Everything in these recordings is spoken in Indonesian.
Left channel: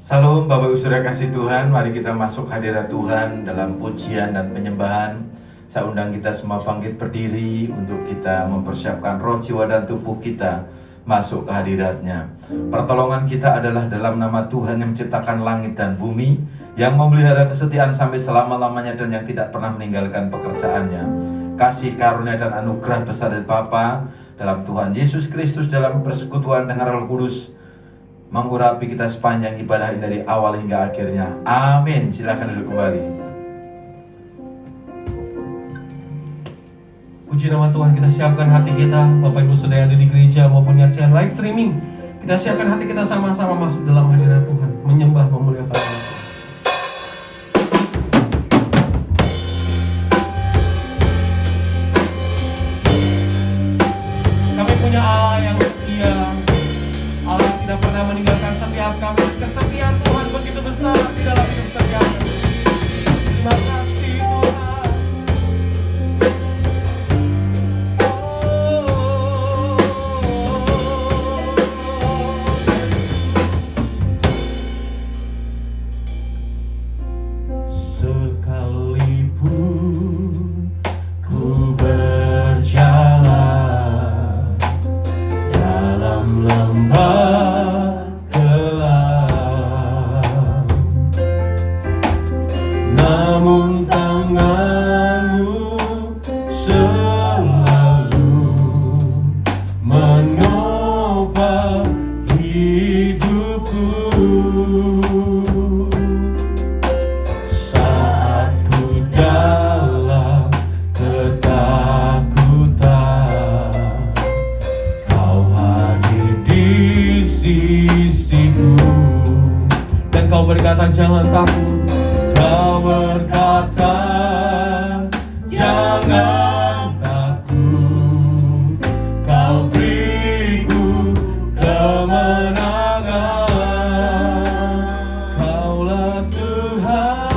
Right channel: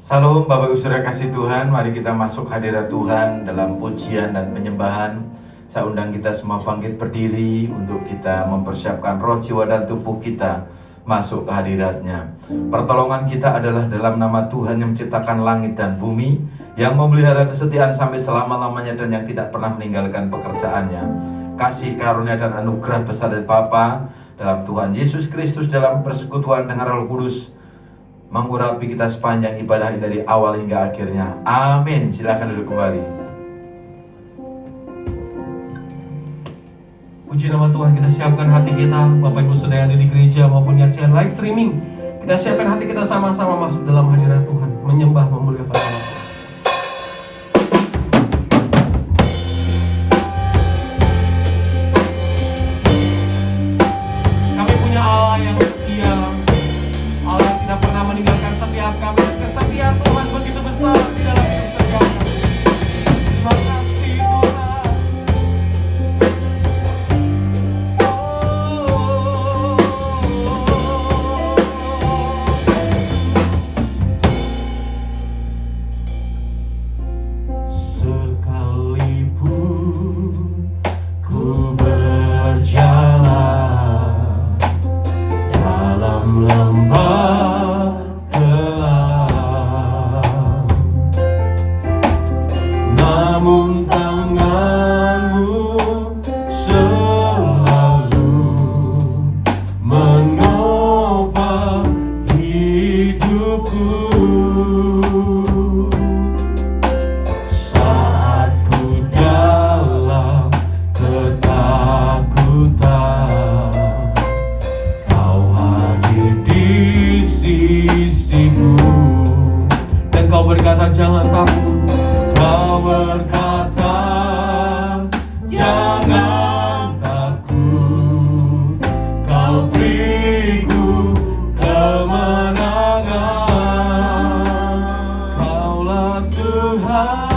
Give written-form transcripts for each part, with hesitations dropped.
Salam Bapak Ibu Saudara kasih Tuhan, mari kita masuk hadirat Tuhan dalam pujian dan penyembahan. Saya undang kita semua bangkit berdiri untuk kita mempersiapkan roh, jiwa, dan tubuh kita masuk ke hadiratnya. Pertolongan kita adalah dalam nama Tuhan yang menciptakan langit dan bumi, yang memelihara kesetiaan sampai selama-lamanya dan yang tidak pernah meninggalkan pekerjaannya. Kasih karunia dan anugerah besar dari Bapa dalam Tuhan Yesus Kristus dalam persekutuan dengan Roh Kudus mengurapi kita sepanjang ibadah ini dari awal hingga akhirnya. Amin. Silakan duduk kembali. Puji nama Tuhan, kita siapkan hati kita, Bapak Ibu Saudara yang ada di gereja maupun yang live streaming. Kita siapkan hati kita sama-sama masuk dalam hadirat Tuhan, menyembah, memuliakan Allah. Kami punya Allah yang setia, Allah yang tidak pernah meninggalkan setiap kami. Kesetiaan Tuhan begitu besar di dalam hidup setiap kami. Terima kasih Tuhan. Sekalipun ku berjalan dalam lembah gelap, namun tanganmu selalu menopang hidupku. Saat ku dalam ketakutan, Kau hadir di sisiku, dan Kau berkata jangan takut. Kau berkata jangan takut, Kau beriku kemenangan. Kaulah Tuhan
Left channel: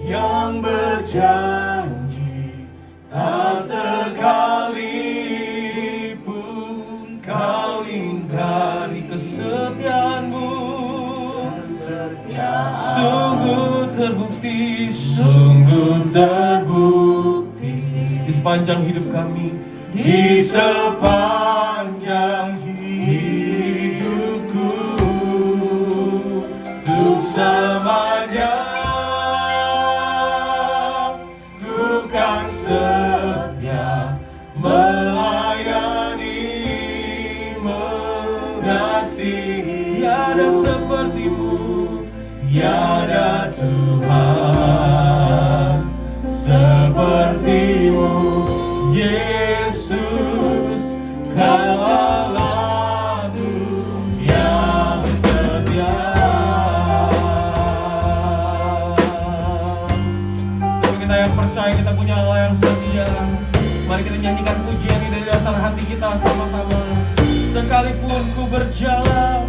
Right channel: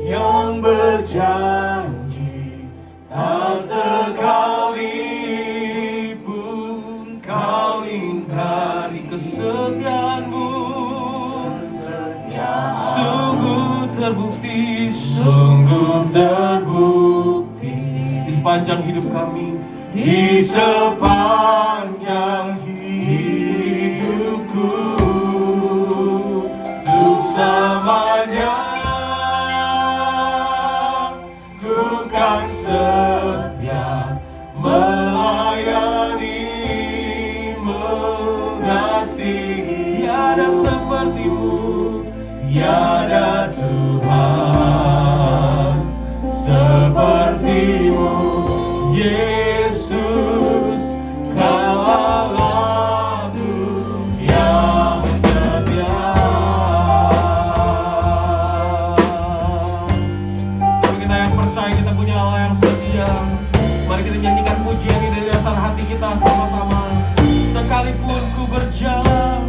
yang berjanji, tak sekalipun Kau ingkari kesetiaan-Mu. Sungguh terbukti di sepanjang hidup kami, di sepanjang hidupku, untuk selamanya ku kan setia melayani, mengasihi. Tiada seperti-Mu, tiada Tuhan seperti-Mu, Yesus. Kau Allahku yang setia. Sama kita yang percaya kita punya Allah yang setia, mari kita nyanyikan pujian ini dari dasar hati kita sama-sama. Sekalipun ku berjalan,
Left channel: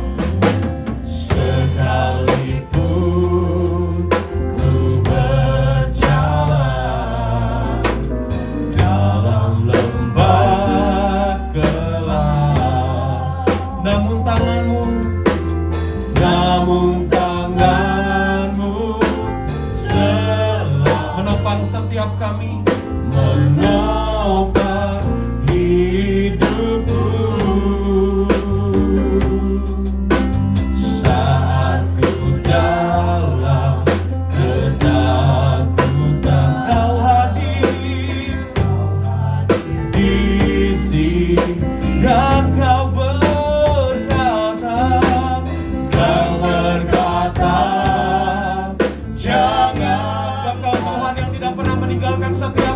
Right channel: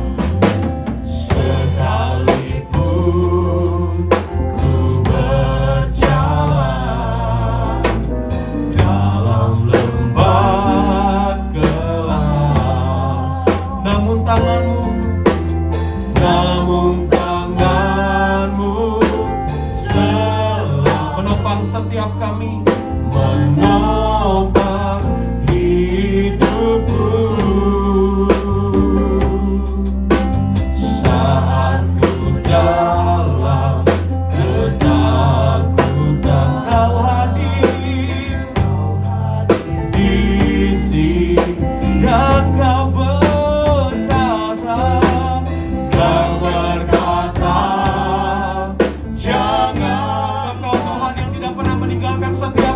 sekalipun ku berjalan dalam lembah gelap, namun tanganmu selalu menopang setiap kami, menopang hidupku. Saat ku dalam ketakutan, Kau hadir di sini, dan Kau berkata jangan. Sebab Kau Tuhan yang tidak pernah meninggalkan setiap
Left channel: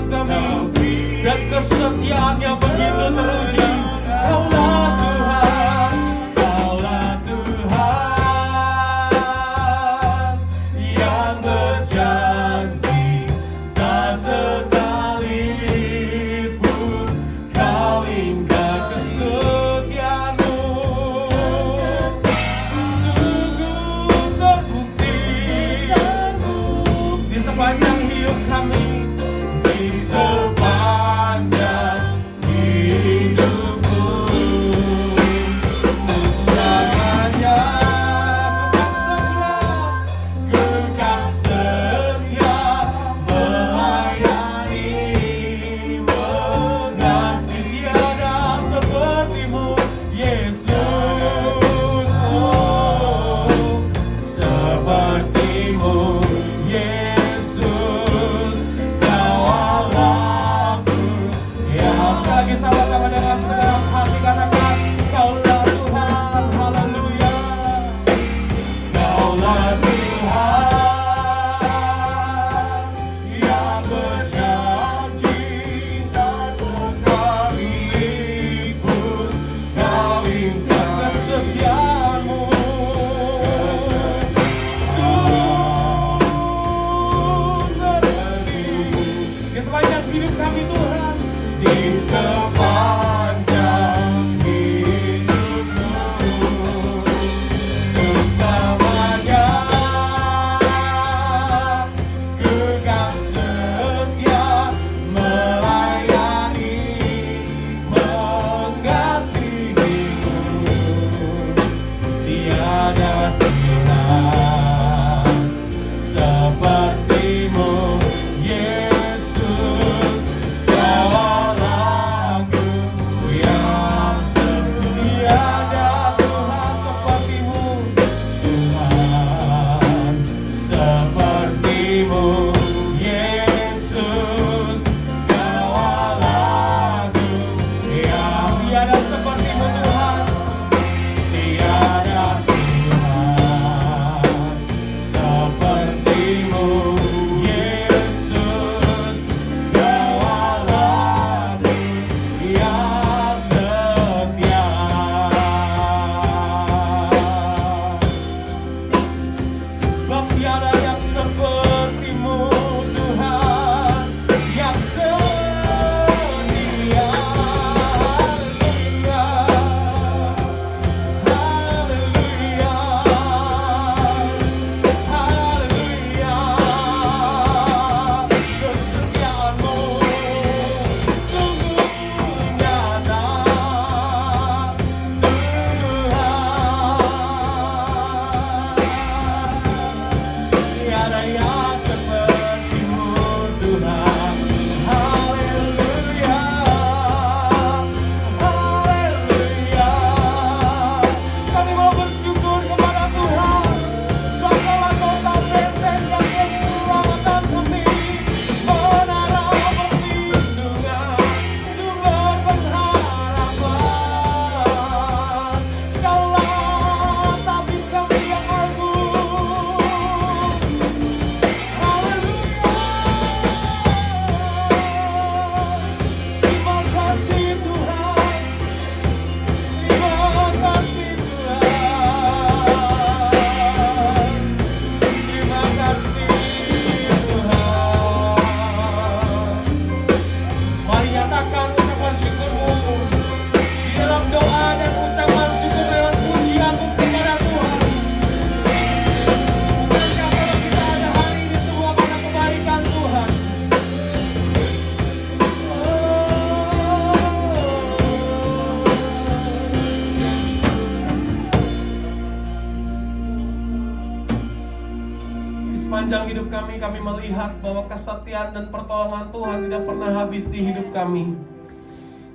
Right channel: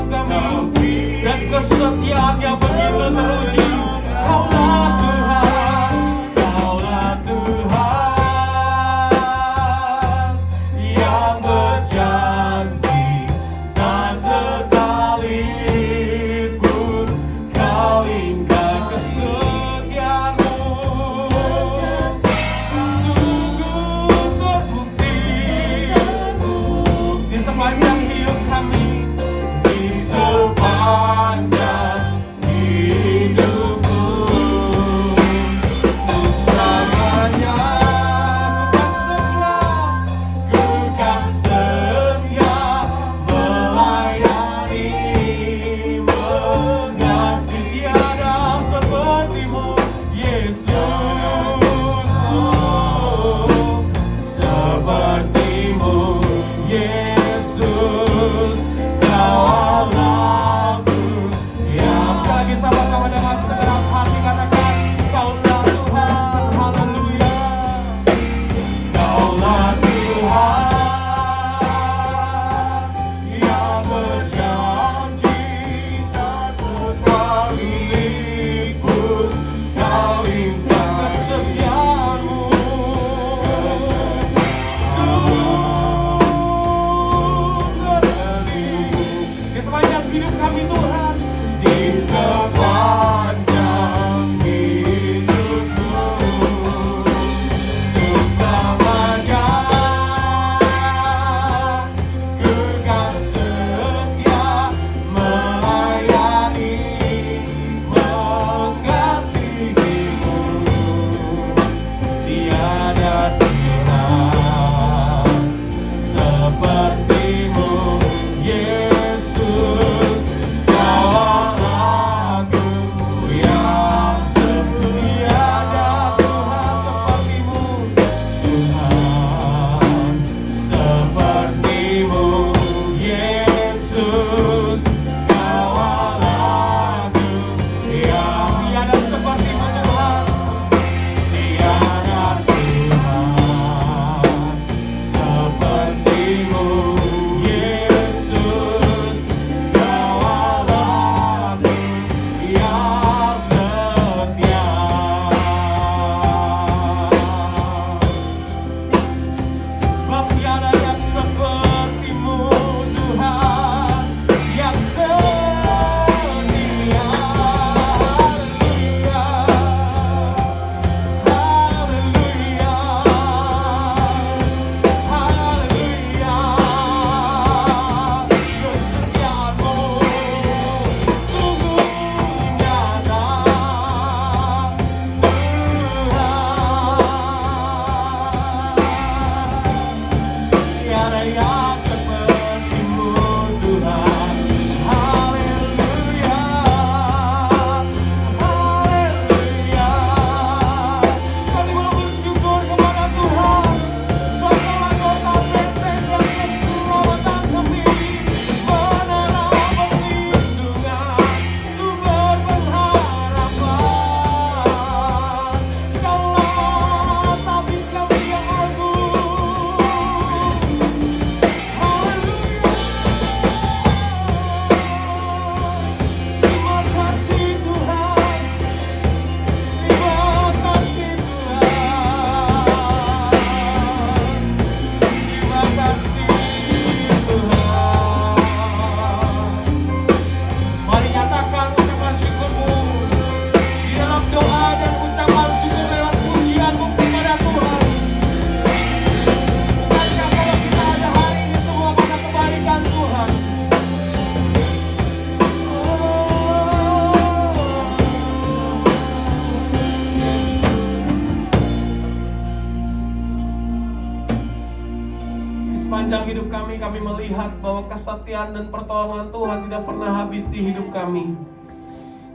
kami melihat bahwa kesetiaan dan pertolongan Tuhan tidak pernah habis di hidup kami.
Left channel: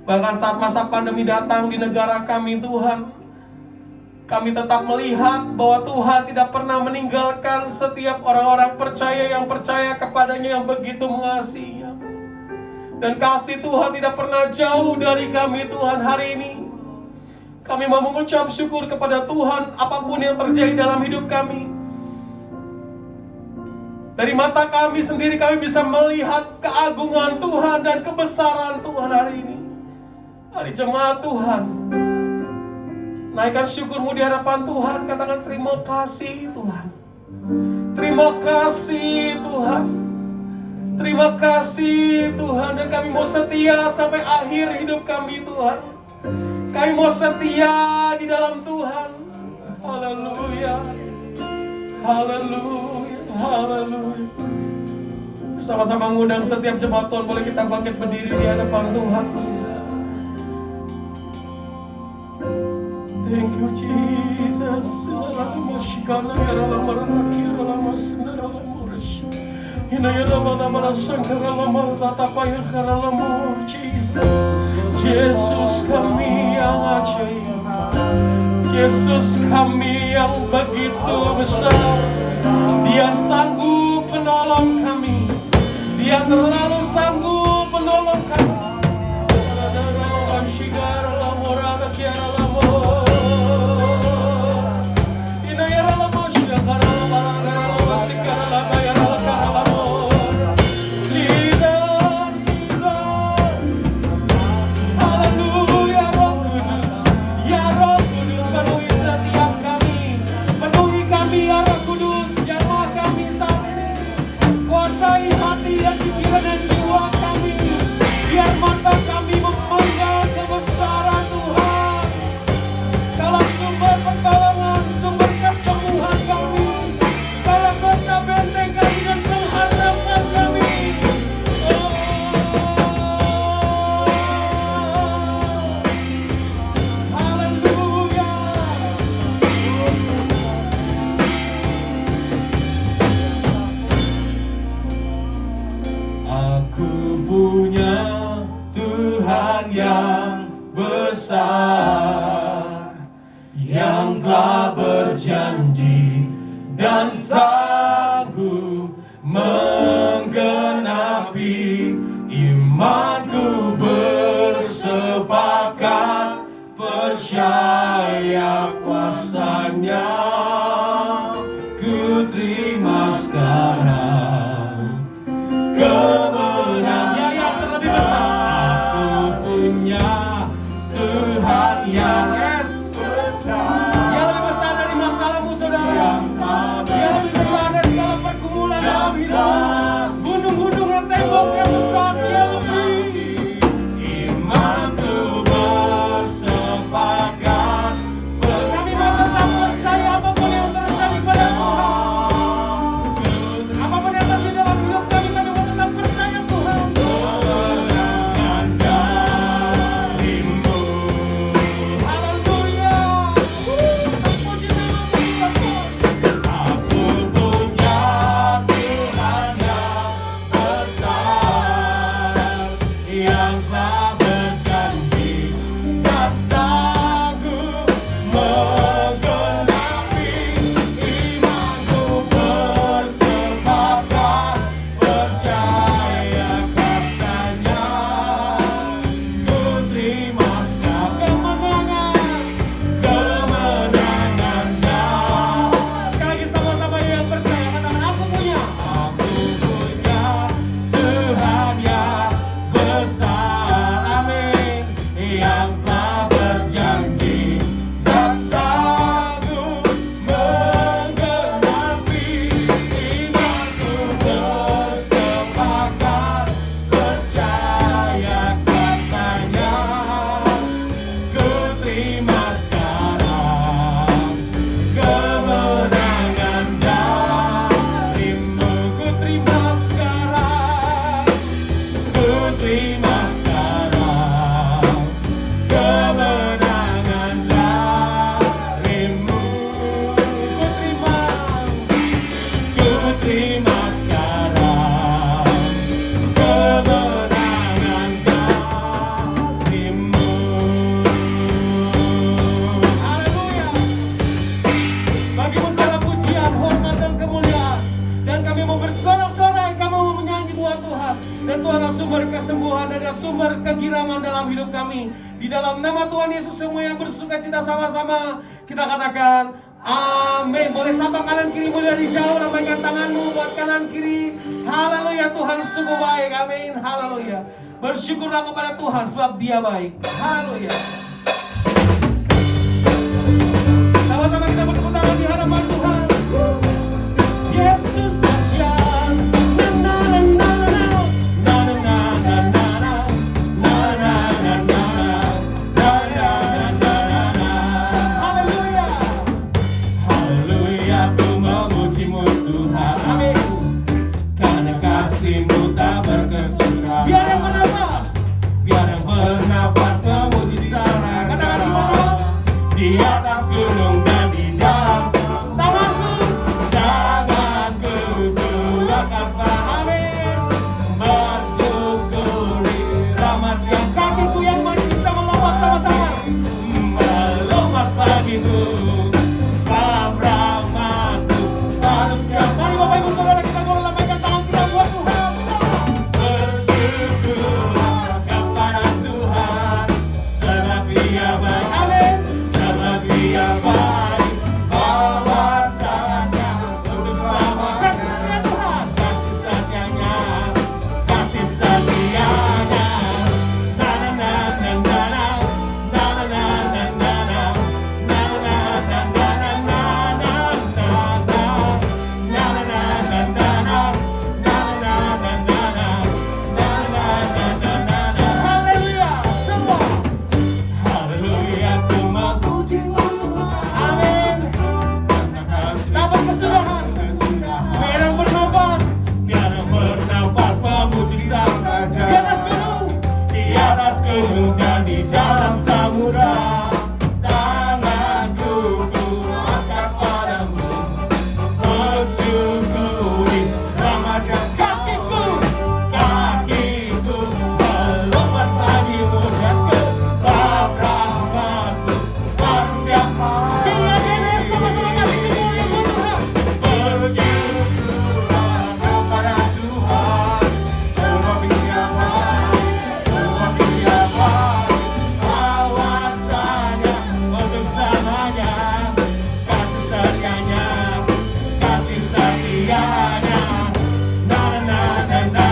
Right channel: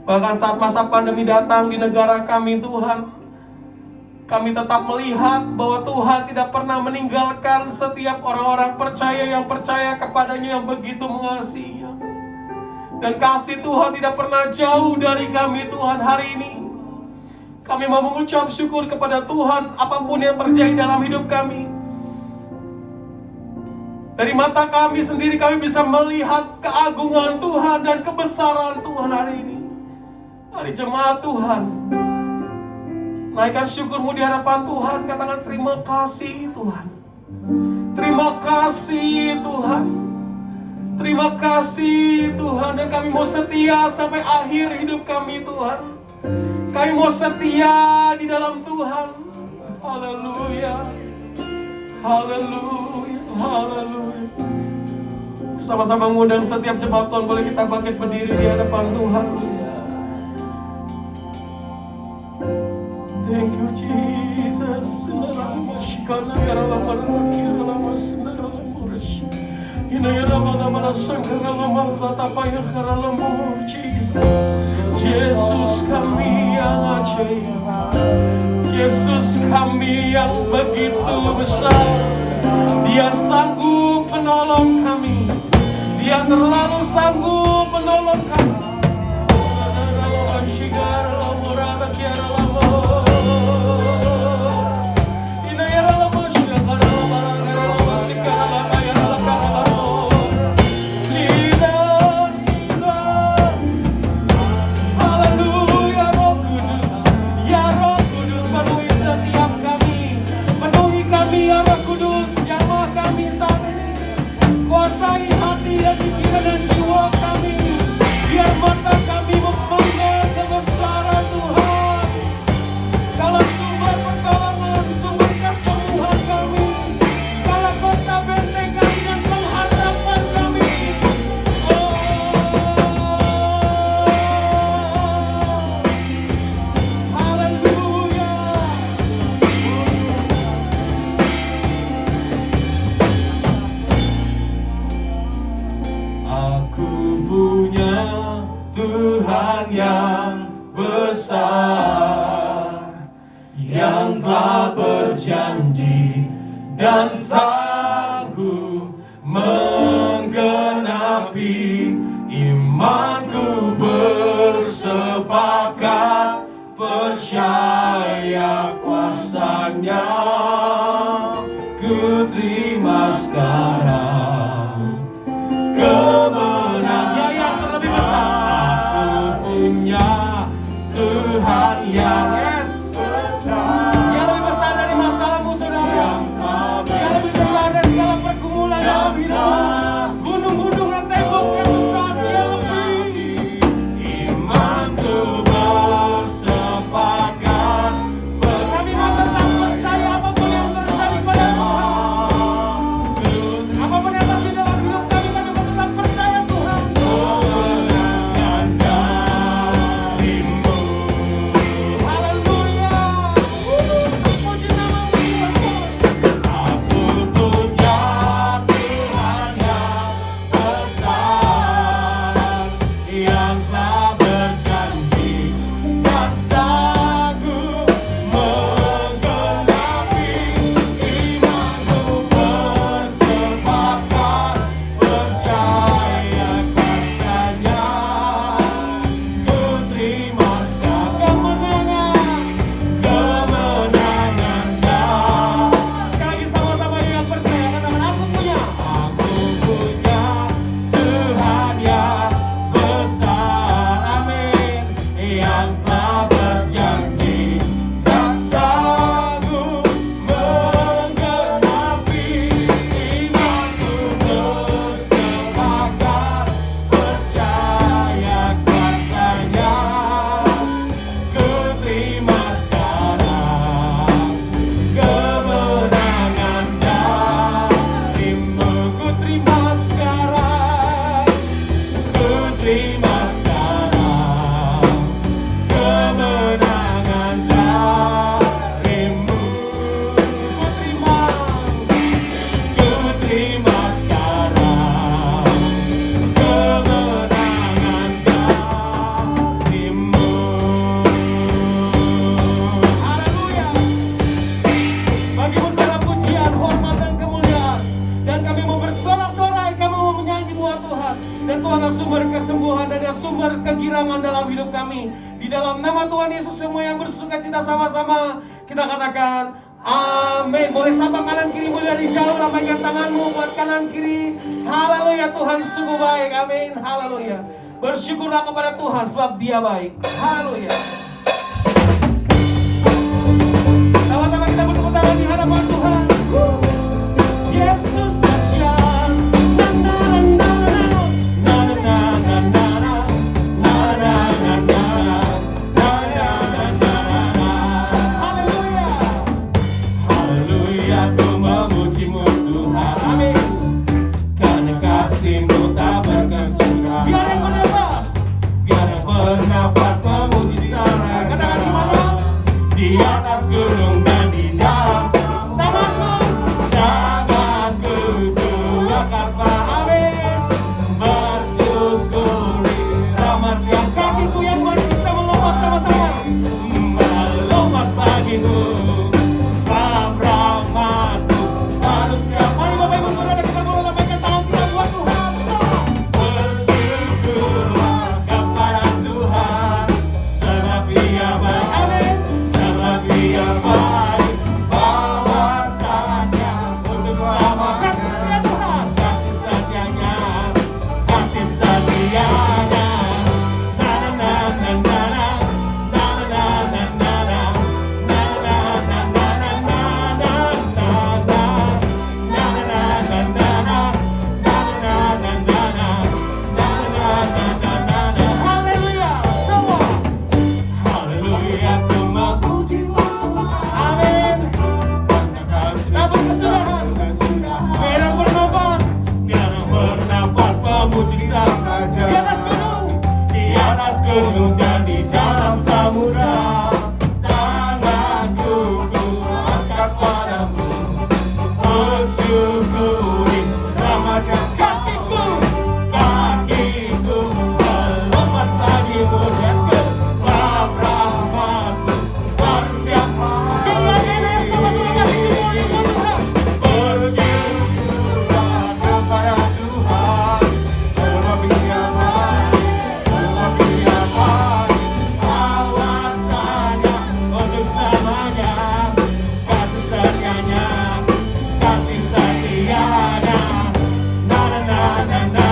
Bahkan saat masa pandemi datang di negara kami Tuhan, kami tetap melihat bahwa Tuhan tidak pernah meninggalkan setiap orang-orang percaya yang percaya kepadanya, yang begitu mengasihinya. Dan kasih Tuhan tidak pernah jauh dari kami Tuhan. Hari ini kami mau mengucap syukur kepada Tuhan apapun yang terjadi dalam hidup kami. Dari mata kami sendiri kami bisa melihat keagungan Tuhan dan kebesaran Tuhan hari ini. Hari jemaat Tuhan, naikkan syukurmu di hadapan Tuhan. Katakan terima kasih Tuhan. Terima kasih Tuhan. Terima kasih Tuhan. Dan kami mau setia sampai akhir hidup kami Tuhan. Kami mau setia di dalam Tuhan. Haleluya. Haleluya. Haleluya. Bersama-sama mengundang setiap jemaat Tuhan, boleh kita bangkit berdiri di hadapan Tuhan. Thank you Jesus. Yesus kami yang ajaib, Yesus kami yang begitu besar. Dia sanggup menolong kami, Dia terlalu sanggup menolong kami. Yang telah berjanji dan sanggup menggenapi. Imanku bersepakat percaya kuasanya. Ku terima sekarang kemenangan yang terlebih besar. Aku punya Tuhan yang lebih besar dari segala pergumulan dalam hidup. Tuhan sumber kesembuhan dan sumber kegirangan dalam hidup kami. Di dalam nama Tuhan Yesus semua yang bersuka cita sama-sama kita katakan amin. Boleh sapa kanan kirimu dari jauh, lambaikan tanganmu buat kanan kiri. Haleluya, Tuhan sungguh baik. Amin. Haleluya. Bersyukurlah kepada Tuhan sebab Dia baik. Haleluya. Sama-sama kita bertepuk tangan di hadapan Tuhan. Yesus dahsyat. Na na na na na na na na na na na na na na. Haleluya. Haleluya, ku memuji-Mu Tuhan. Amin. Karena kasih-Mu tak berkesudahan. Biar yang bernafas memuji sana. Katakan di mana? Di atas gunung dan di dalam tanganku ku akan amin. Bersyukuri rahmat yang kakiku yang masih bisa melompat sama-sama. Melompat bagimu sebab rahmat-Mu pada setiap. Mari Bapak Ibu Saudara kita boleh lambaikan tangan kita buat Tuhan. Dan di dalam samudra, tanganku ku angkat padamu, bersyukuri rahmat yang kakiku melompat bagimu. Let's go. Rahmat-Mu pada setiap hari. Kemuliaan sama-sama kasih semuanya buat Tuhan. Bersyukurlah kepada Tuhan, sebab Dia baik. Awasannya untuk selamanya, kasih setianya, kasih setianya. Na na na na na na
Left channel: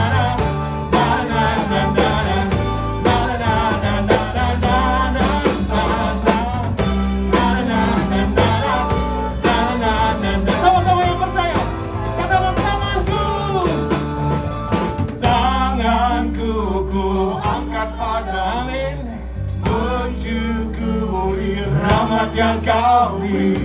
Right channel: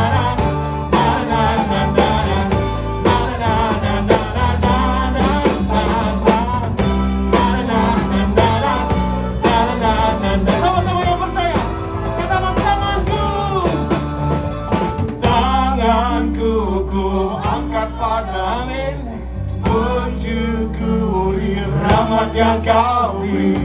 na na na na. Sama-sama yang percaya, katakan tanganku ku angkat pada. Amin. Bersyukuri rahmat yang Kau beri,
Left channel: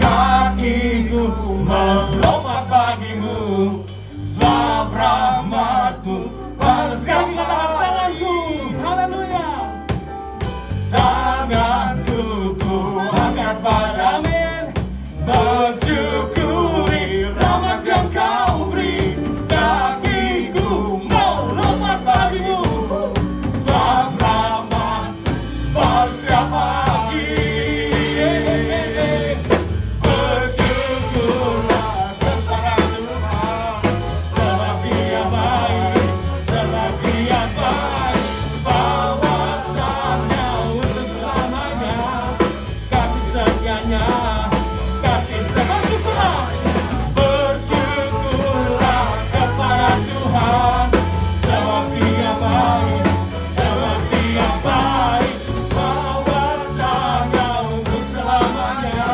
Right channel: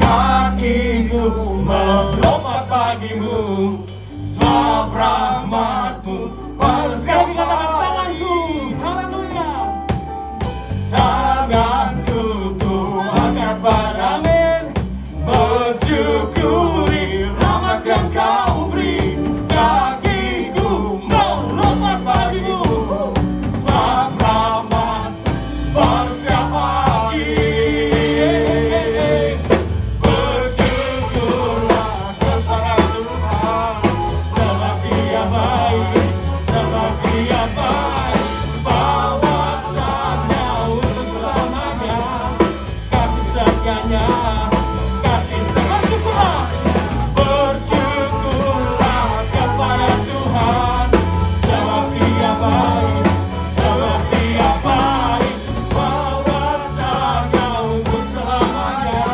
kakiku melompat bagimu, sebab rahmat-Mu pada sekali katakan tanganku. Haleluya. Tanganku ku angkat pada. Amin. Bersyukuri rahmat yang Kau beri, kakiku melompat bagimu, sebab rahmat pada setiap pagi. Bersyukurlah kepada Tuhan, sebab Dia baik, sebab Dia baik. Bawasannya untuk selamanya, kasih setianya, kasih bersyukurlah. Bersyukurlah kepada Tuhan, sebab Dia baik, sebab Dia baik. Bawasannya untuk selamanya,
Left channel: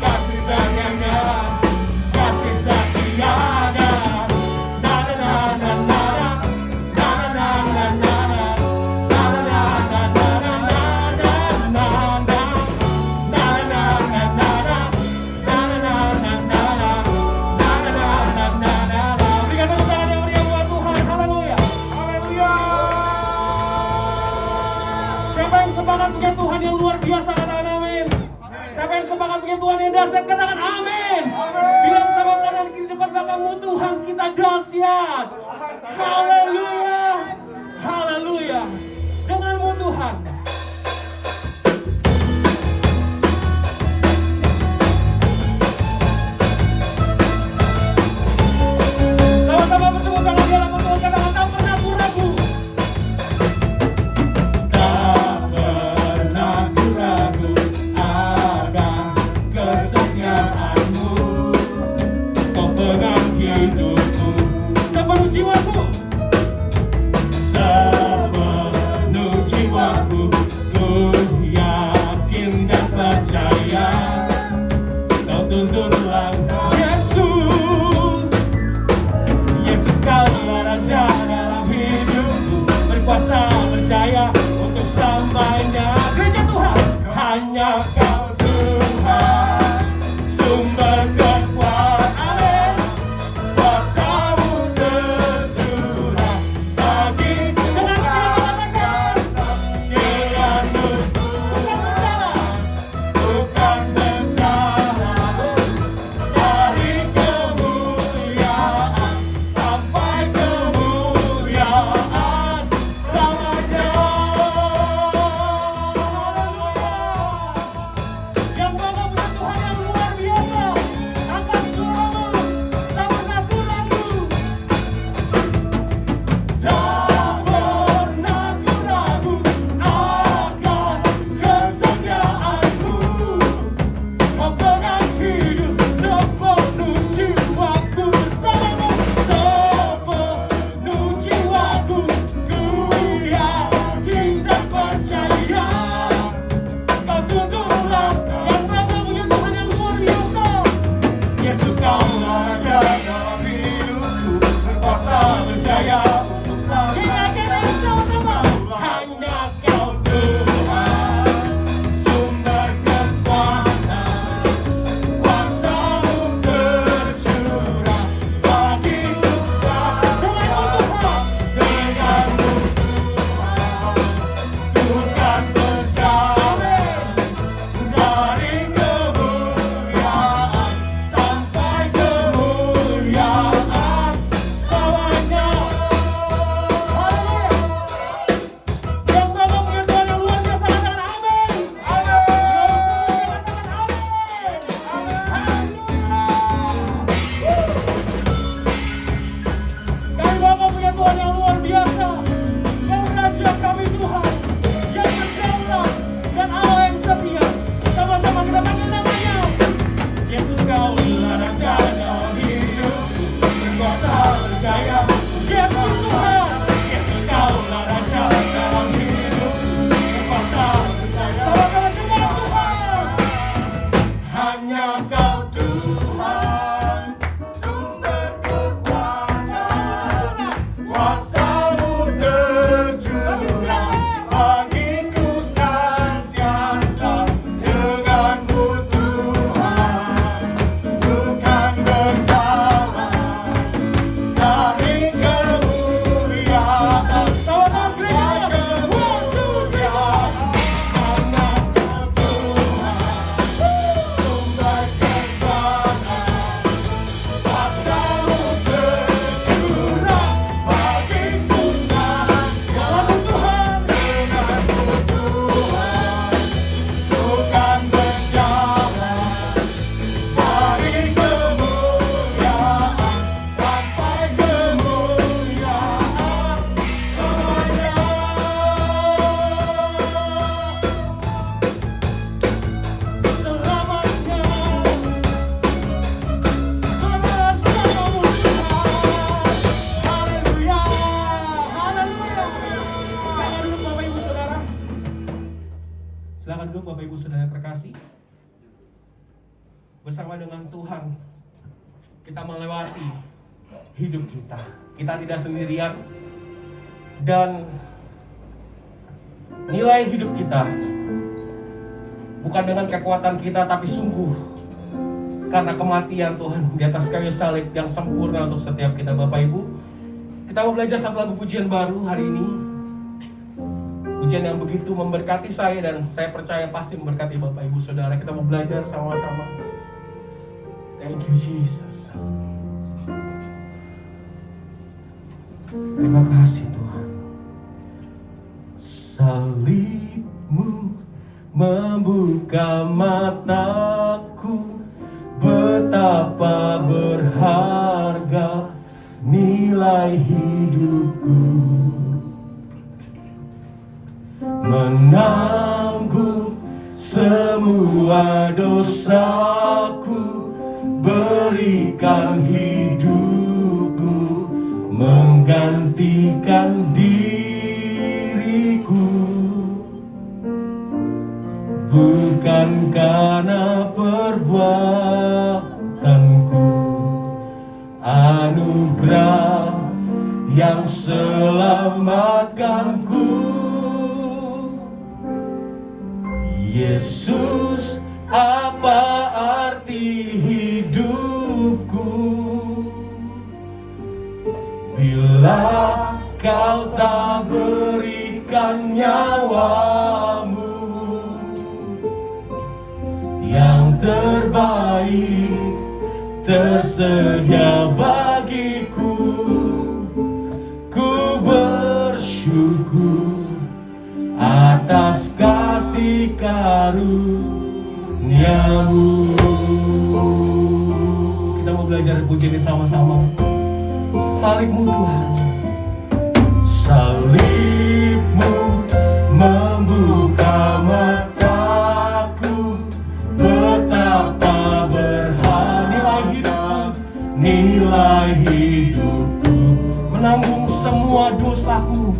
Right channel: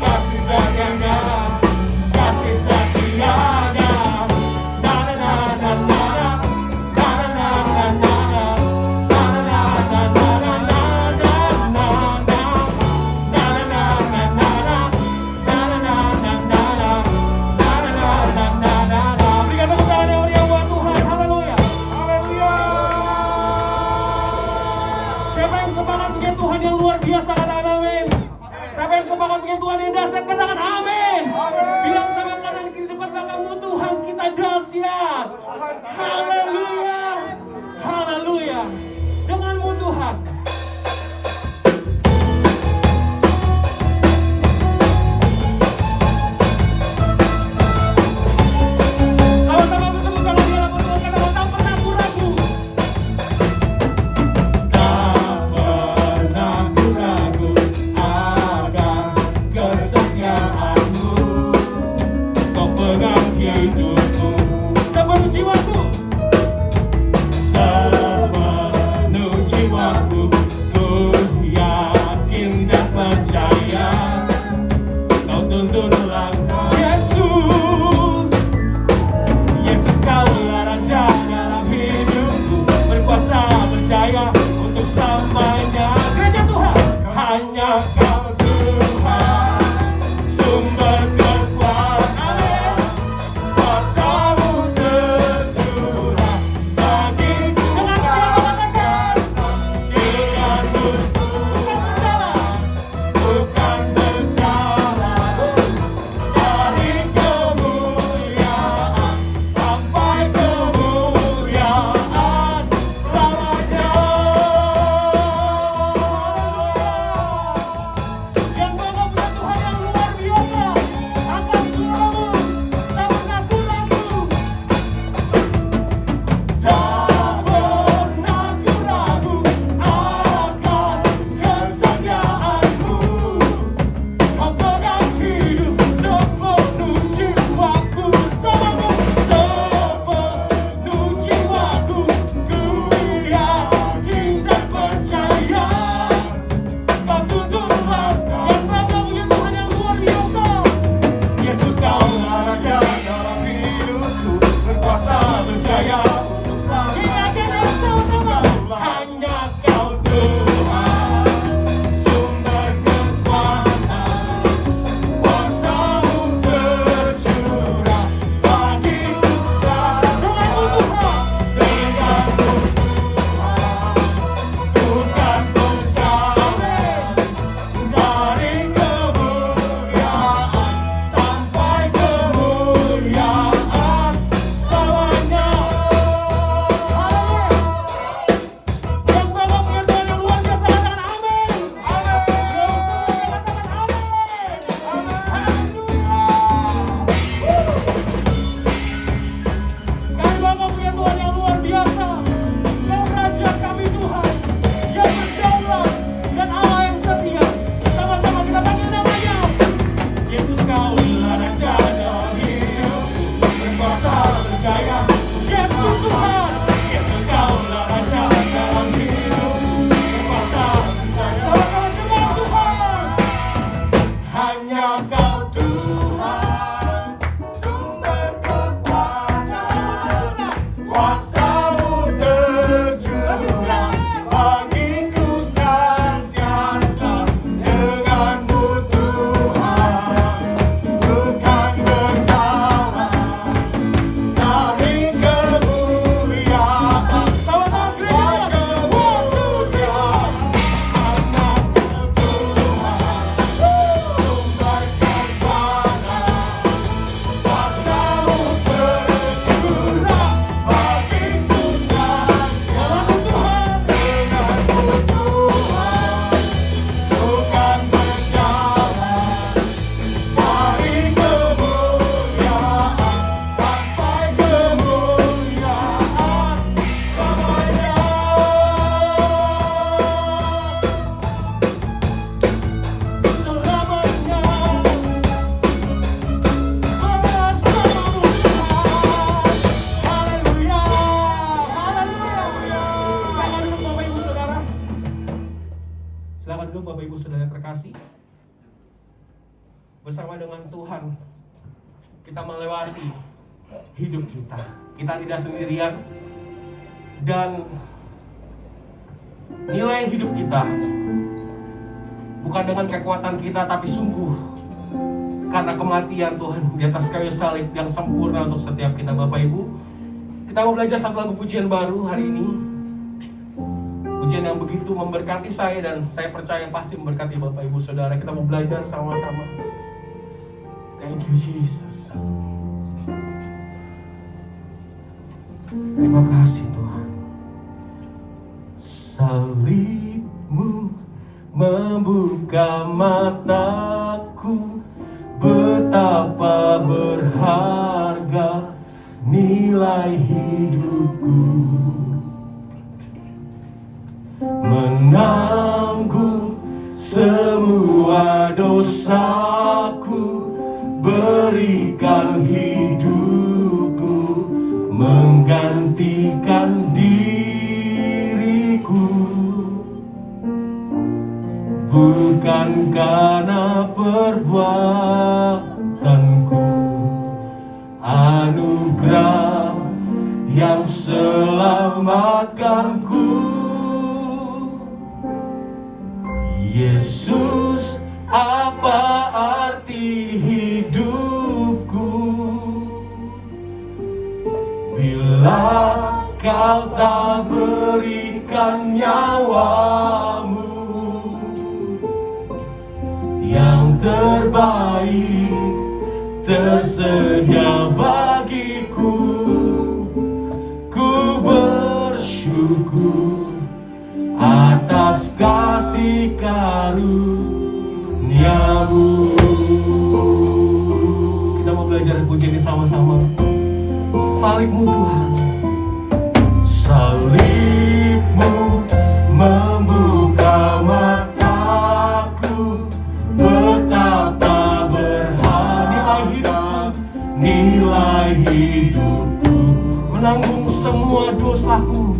kasih setianya, kasih setianya. Na na na na na na na na na Siapa yang semangat punya Tuhan yang luar biasa, katakan amin. Siapa yang semangat punya Tuhan yang dahsyat, katakan amin. Bilang sama kanan kiri depan belakangmu, Tuhan kita dahsyat. Haleluya. Haleluya. Denganmu Tuhan. Sama-sama bertemu tangan di hadapan Tuhan, katakan tak pernah ku ragu. bersama dengan Tuhan kita melewati hidup kita. Kita tidak sendirian, dan nilai hidup kita bukan dengan kekuatan kita, tapi sungguh karena kematian Tuhan di atas kayu salib yang sempurna untuk setiap kita. Bapak Ibu, kita mau belajar satu lagu pujian baru hari ini. Pujian yang begitu memberkati saya, dan saya percaya pasti memberkati Bapak Ibu Saudara. Kita mau belajar sama-sama. Thank you Jesus. Terima kasih Tuhan. Salibmu membuka mataku, betapa berharga nilai hidupku. Menanggung semua dosaku, berikan hidupku, menggantikan diriku. Bukan karena perbuatanku, anugerah yang selamatkanku. Yesus, apa arti hidupku bila kau tak berikan nyawamu? Yang terbaik tersedia bagiku. Ku bersyukur atas kasih karunia-Mu. Kita mau belajar pujian ini sama-sama. Salib-Mu Tuhan, salib-Mu membuka mataku, betapa berharga nilai hidupku. Menanggung semua dosaku,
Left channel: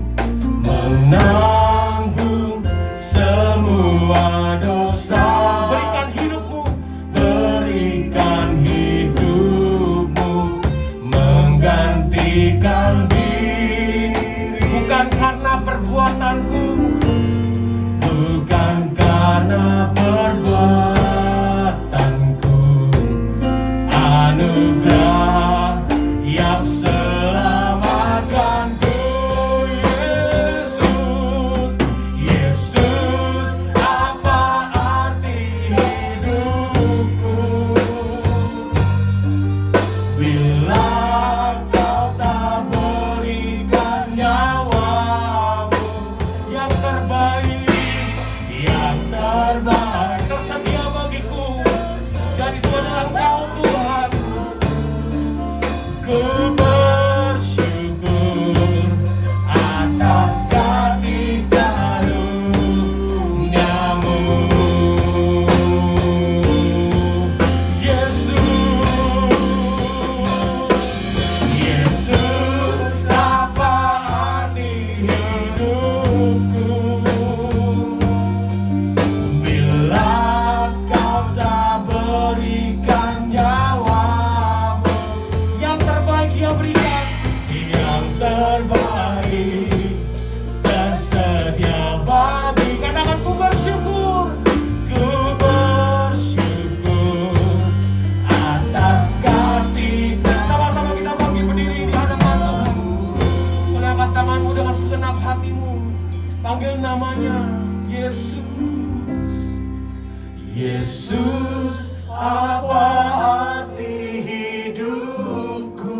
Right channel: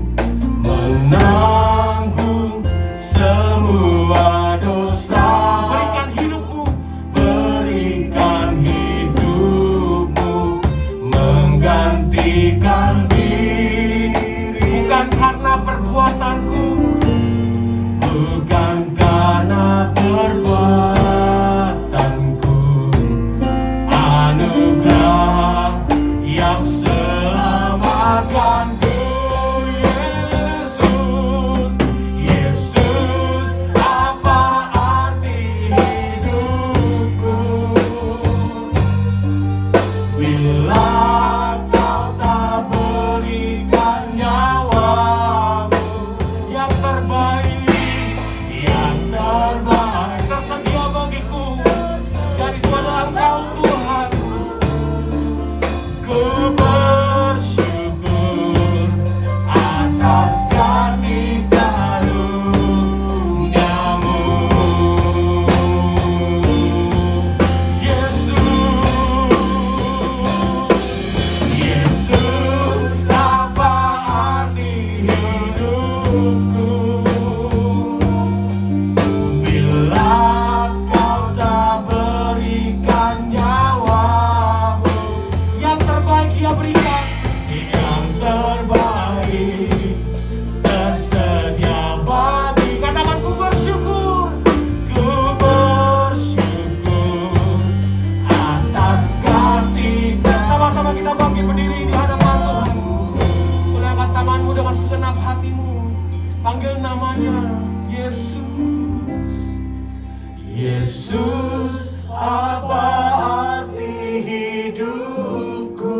menanggung semua dosa. Berikan hidupmu, berikan hidupmu, menggantikan diri. Bukan karena perbuatanku, bukan karena perbuatanku, anugerah yang selamatkanku. Yesus, Yesus, apa arti hidupku bila kau tak berikan nyawamu? Yang terbaik, yang terbaik tersedia bagiku, dan itu adalah Engkau Tuhan. Ku bersyukur atas kasih karunia-Mu. Yesus, apa arti hidupku bila kau tak berikan nyawamu? Yang terbaik Dia berikan, yang terbaik tersedia bagi. Katakan, ku bersyukur atas kasih. Sama-sama kita bangkit berdiri di hadapan Tuhan. Mengangkat tanganmu dengan segenap hatimu, panggil namanya Yesus. Yesus, apa arti hidupku?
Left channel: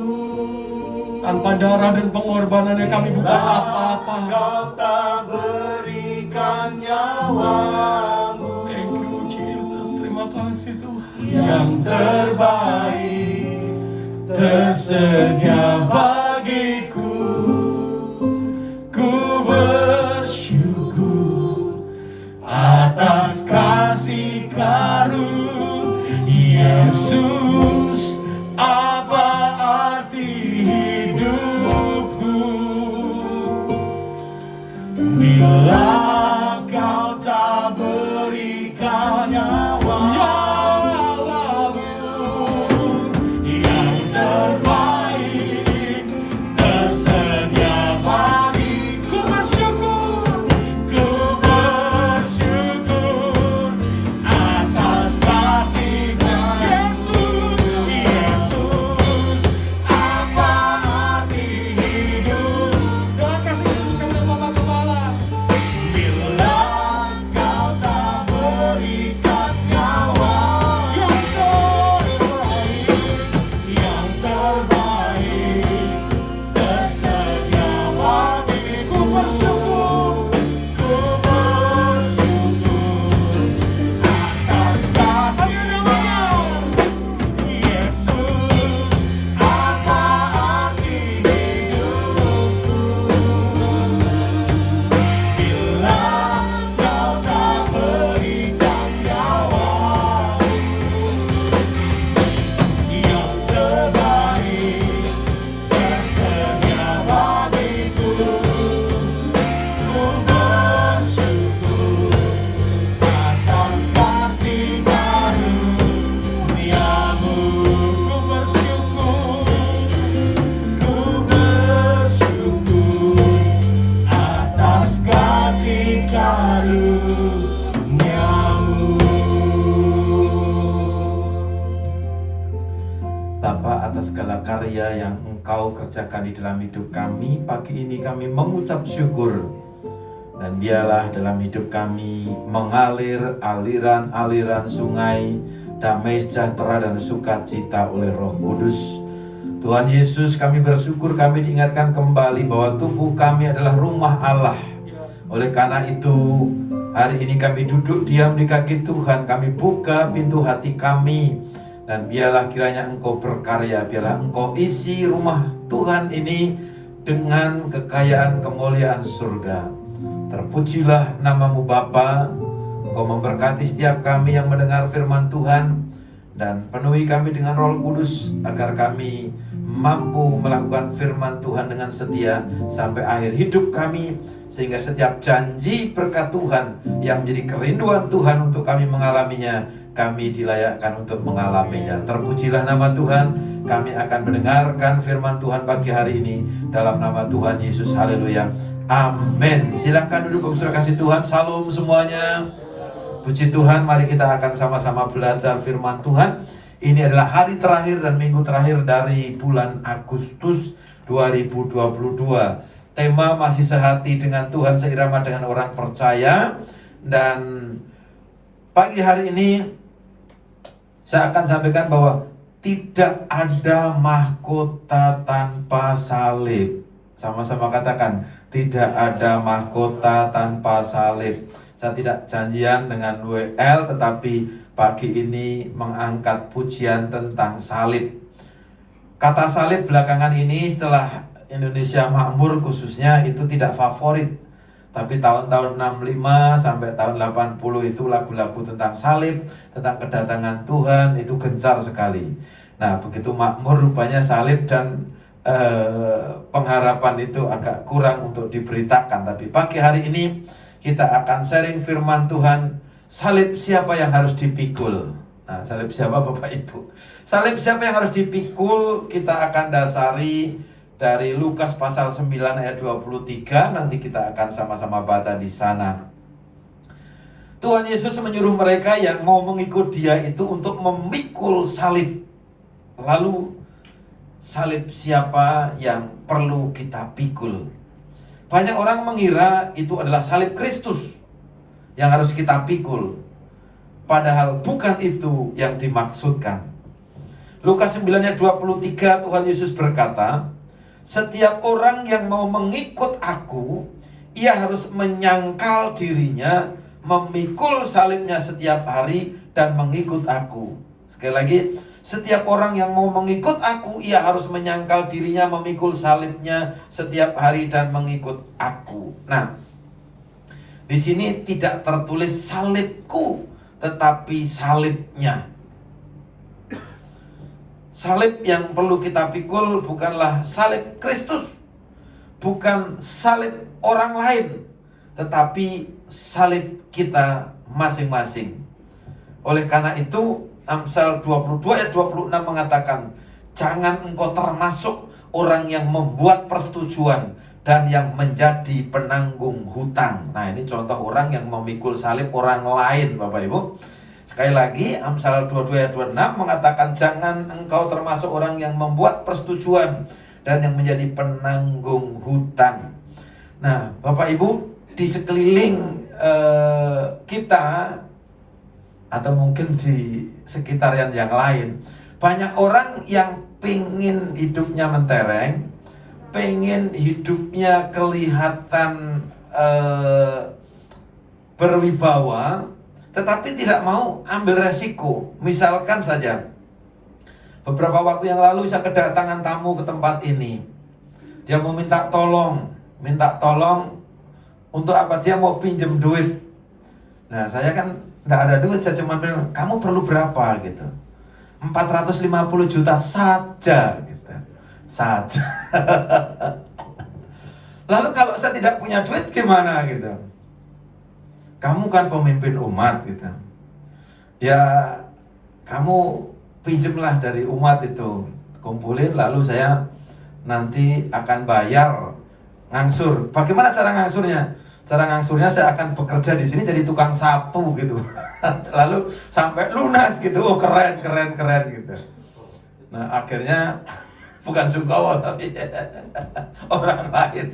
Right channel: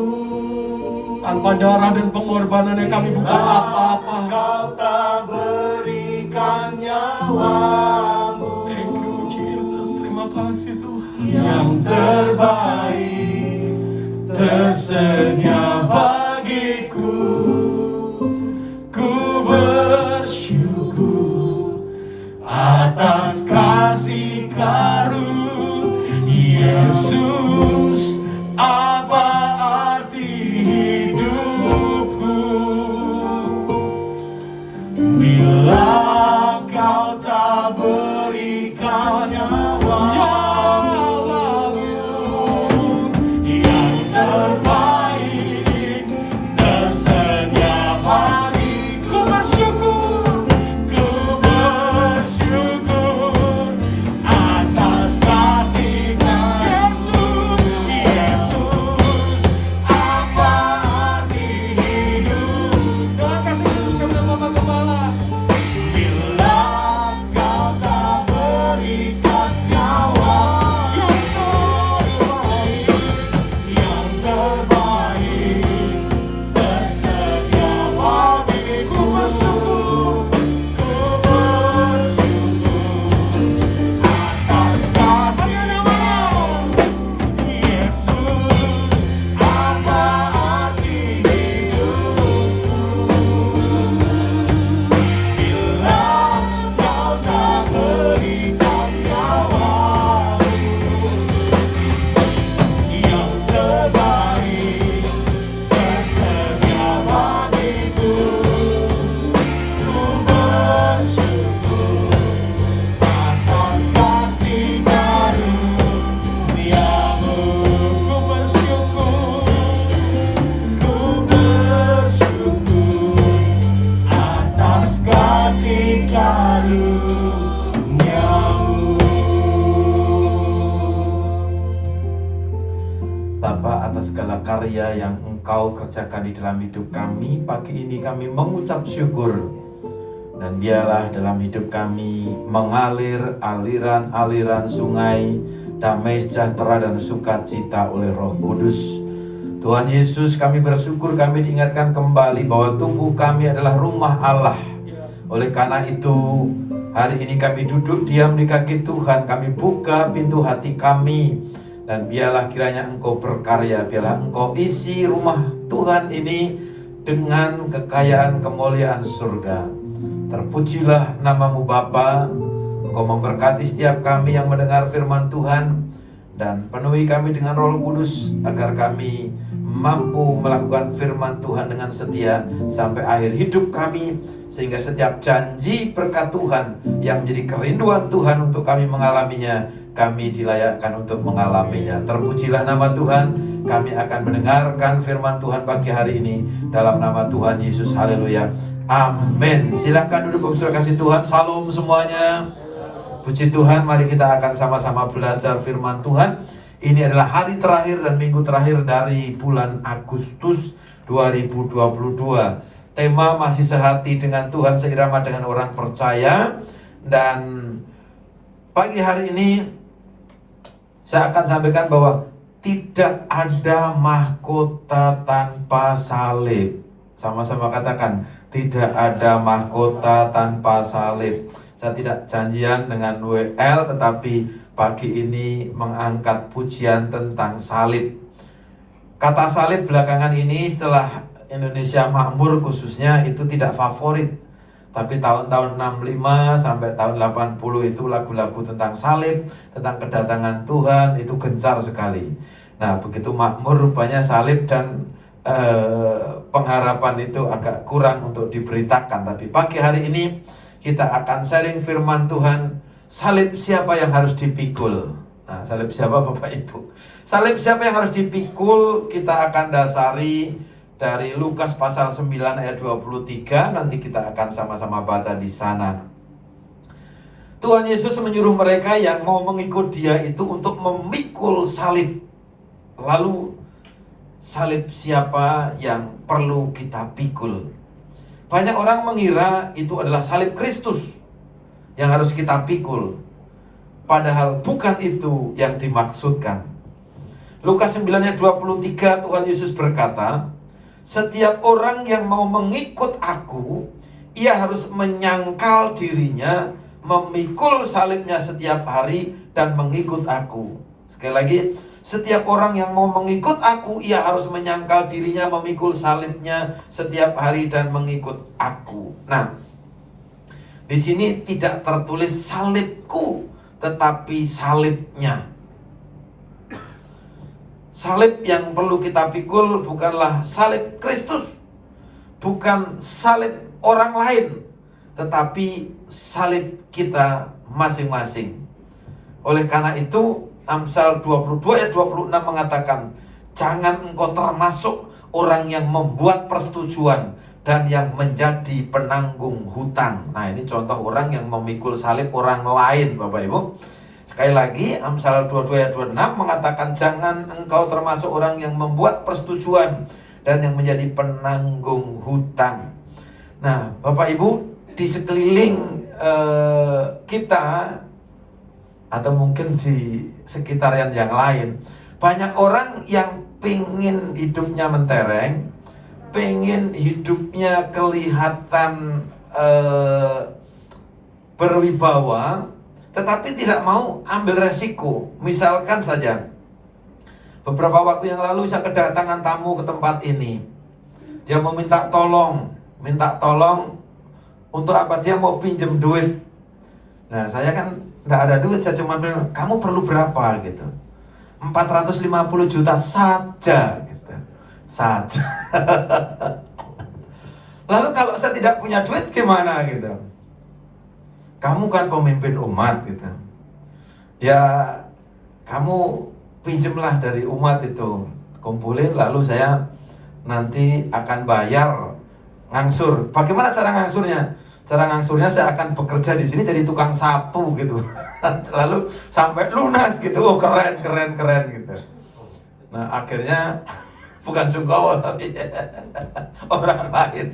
Tanpa darah dan pengorbanannya kami bukan apa-apa. Kau tak berikan nyawamu. Thank you Jesus, terima kasih Tuhan. Yang terbaik tersedia bagiku. Ku bersyukur atas kasih karunia. Yesus, apa arti hidupku bila kau tak berikan nyawamu? karya yang Engkau kerjakan di dalam hidup kami. Pagi ini kami mengucap syukur, dan biarlah dalam hidup kami mengalir aliran-aliran sungai damai sejahtera dan sukacita oleh Roh Kudus. Tuhan Yesus, kami bersyukur kami diingatkan kembali bahwa tubuh kami adalah rumah Allah. Oleh karena itu, hari ini kami duduk diam di kaki Tuhan, kami buka pintu hati kami, dan biarlah kiranya Engkau berkarya, biarlah Engkau isi rumah Tuhan ini dengan kekayaan kemuliaan surga. Terpujilah nama-Mu Bapa. Engkau memberkati setiap kami yang mendengar firman Tuhan, dan penuhi kami dengan Roh Kudus agar kami mampu melakukan firman Tuhan dengan setia sampai akhir hidup kami, sehingga setiap janji berkat Tuhan yang menjadi kerinduan Tuhan untuk kami mengalaminya, kami dilayakkan untuk mengalaminya. Terpujilah nama Tuhan. Kami akan mendengarkan firman Tuhan pagi hari ini dalam nama Tuhan Yesus. Haleluya. Amin. Silahkan duduk, saudara kasih Tuhan. Salam semuanya. Puji Tuhan, mari kita akan sama-sama belajar firman Tuhan. Ini adalah hari terakhir dan minggu terakhir dari bulan Agustus 2022. Tema masih sehati dengan Tuhan, seirama dengan orang percaya. Dan pagi hari ini saya akan sampaikan bahwa tidak ada mahkota tanpa salib. Sama-sama katakan, tidak ada mahkota tanpa salib. Saya tidak janjian dengan WL, tetapi pagi ini mengangkat pujian tentang salib. Kata salib belakangan ini setelah Indonesia makmur khususnya itu tidak favorit. Tapi tahun-tahun 65 sampai tahun 80 itu lagu-lagu tentang salib, tentang kedatangan Tuhan itu gencar sekali. Nah, begitu makmur rupanya salib dan pengharapan itu agak kurang untuk diberitakan. Tapi pagi hari ini kita akan sharing firman Tuhan. Salib siapa yang harus dipikul? Nah, salib siapa Bapak Ibu? Salib siapa yang harus dipikul? Kita akan dasari dari Lukas pasal 9 ayat 23. Nanti kita akan sama-sama baca di sana. Tuhan Yesus menyuruh mereka yang mau mengikut Dia itu untuk memikul salib. Lalu salib siapa yang perlu kita pikul? Banyak orang mengira itu adalah salib Kristus yang harus kita pikul. Padahal bukan itu yang dimaksudkan. Lukas 9 ayat 23, Tuhan Yesus berkata, setiap orang yang mau mengikut aku, ia harus menyangkal dirinya, memikul salibnya setiap hari dan mengikut aku. Sekali lagi, setiap orang yang mau mengikut aku, ia harus menyangkal dirinya, memikul salibnya setiap hari dan mengikut aku. Nah, di sini tidak tertulis salibku, tetapi salibnya. Salib yang perlu kita pikul bukanlah salib Kristus, bukan salib orang lain, tetapi salib kita masing-masing. Oleh karena itu, Amsal 22 ayat 26 mengatakan, jangan engkau termasuk orang yang membuat persetujuan dan yang menjadi penanggung hutang. Nah, ini contoh orang yang memikul salib orang lain, Bapak Ibu. Sekali lagi, Amsal 22 ayat 26 mengatakan, jangan engkau termasuk orang yang membuat persetujuan dan yang menjadi penanggung hutang. Nah, Bapak Ibu, di sekeliling kita, atau mungkin di sekitar yang lain, banyak orang yang pengen hidupnya mentereng, pengen hidupnya kelihatan berwibawa, tetapi tidak mau ambil resiko. Misalkan saja, beberapa waktu yang lalu saya kedatangan tamu ke tempat ini. Dia mau minta tolong untuk apa? Dia mau pinjem duit. Nah, saya kan nggak ada duit, saya cuma bilang, kamu perlu berapa gitu? 450 juta saja gitu. Saja. Lalu kalau saya tidak punya duit gimana gitu? Kamu kan pemimpin umat gitu. Ya, kamu pinjemlah dari umat itu, kumpulin, lalu saya nanti akan bayar ngangsur. Bagaimana cara ngangsurnya? Cara ngangsurnya saya akan bekerja di sini jadi tukang sapu gitu. Lalu sampai lunas gitu. Oh, keren gitu. Nah, akhirnya bukan Sungkowo tapi orang lain.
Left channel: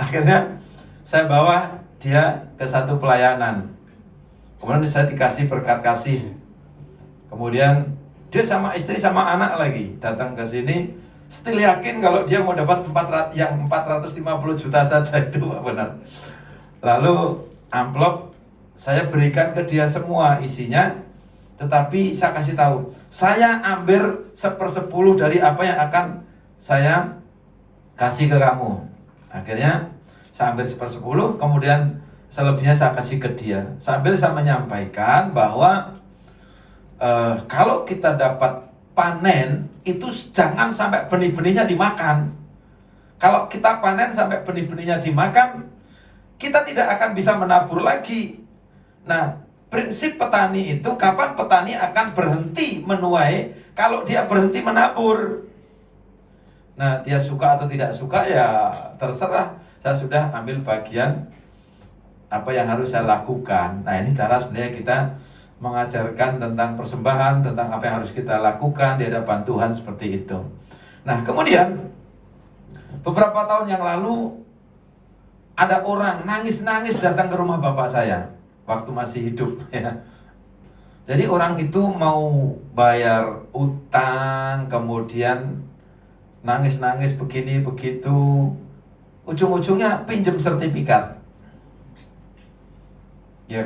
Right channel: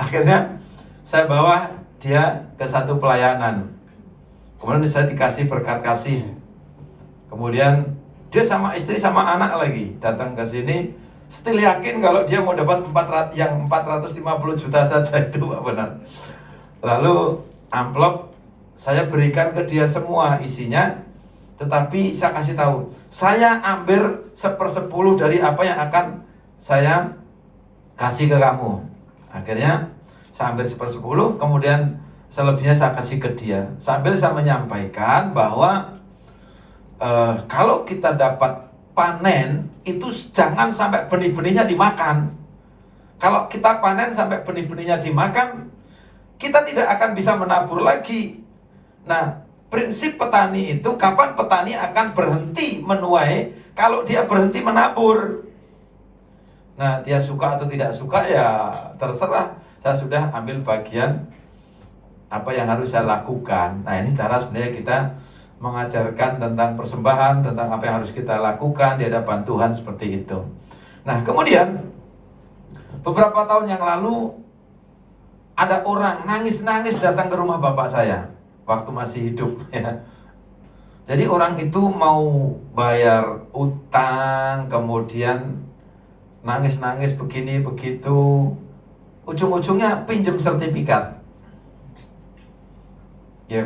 Akhirnya saya bawa dia ke satu pelayanan. Kemudian saya dikasih berkat kasih. Kemudian dia sama istri sama anak lagi datang ke sini, still yakin kalau dia mau dapat 450 juta saja itu Pak benar. Lalu amplop saya berikan ke dia semua isinya, tetapi saya kasih tahu, saya ambil 1/10 dari apa yang akan saya kasih ke kamu. Akhirnya saya ambil 1/10, kemudian selebihnya saya kasih ke dia. Sambil saya menyampaikan bahwa kalau kita dapat panen, itu jangan sampai benih-benihnya dimakan. Kalau kita panen sampai benih-benihnya dimakan, kita tidak akan bisa menabur lagi. Nah, prinsip petani itu, kapan petani akan berhenti menuai? Kalau dia berhenti menabur. Nah, dia suka atau tidak suka ya terserah. Saya sudah ambil bagian apa yang harus saya lakukan. Nah, ini cara sebenarnya kita mengajarkan tentang persembahan, tentang apa yang harus kita lakukan di hadapan Tuhan seperti itu. Nah, kemudian beberapa tahun yang lalu ada orang nangis-nangis datang ke rumah bapak saya waktu masih hidup ya. Jadi orang itu mau bayar utang, kemudian nangis-nangis begini begitu, ujung-ujungnya pinjam sertifikat. Ya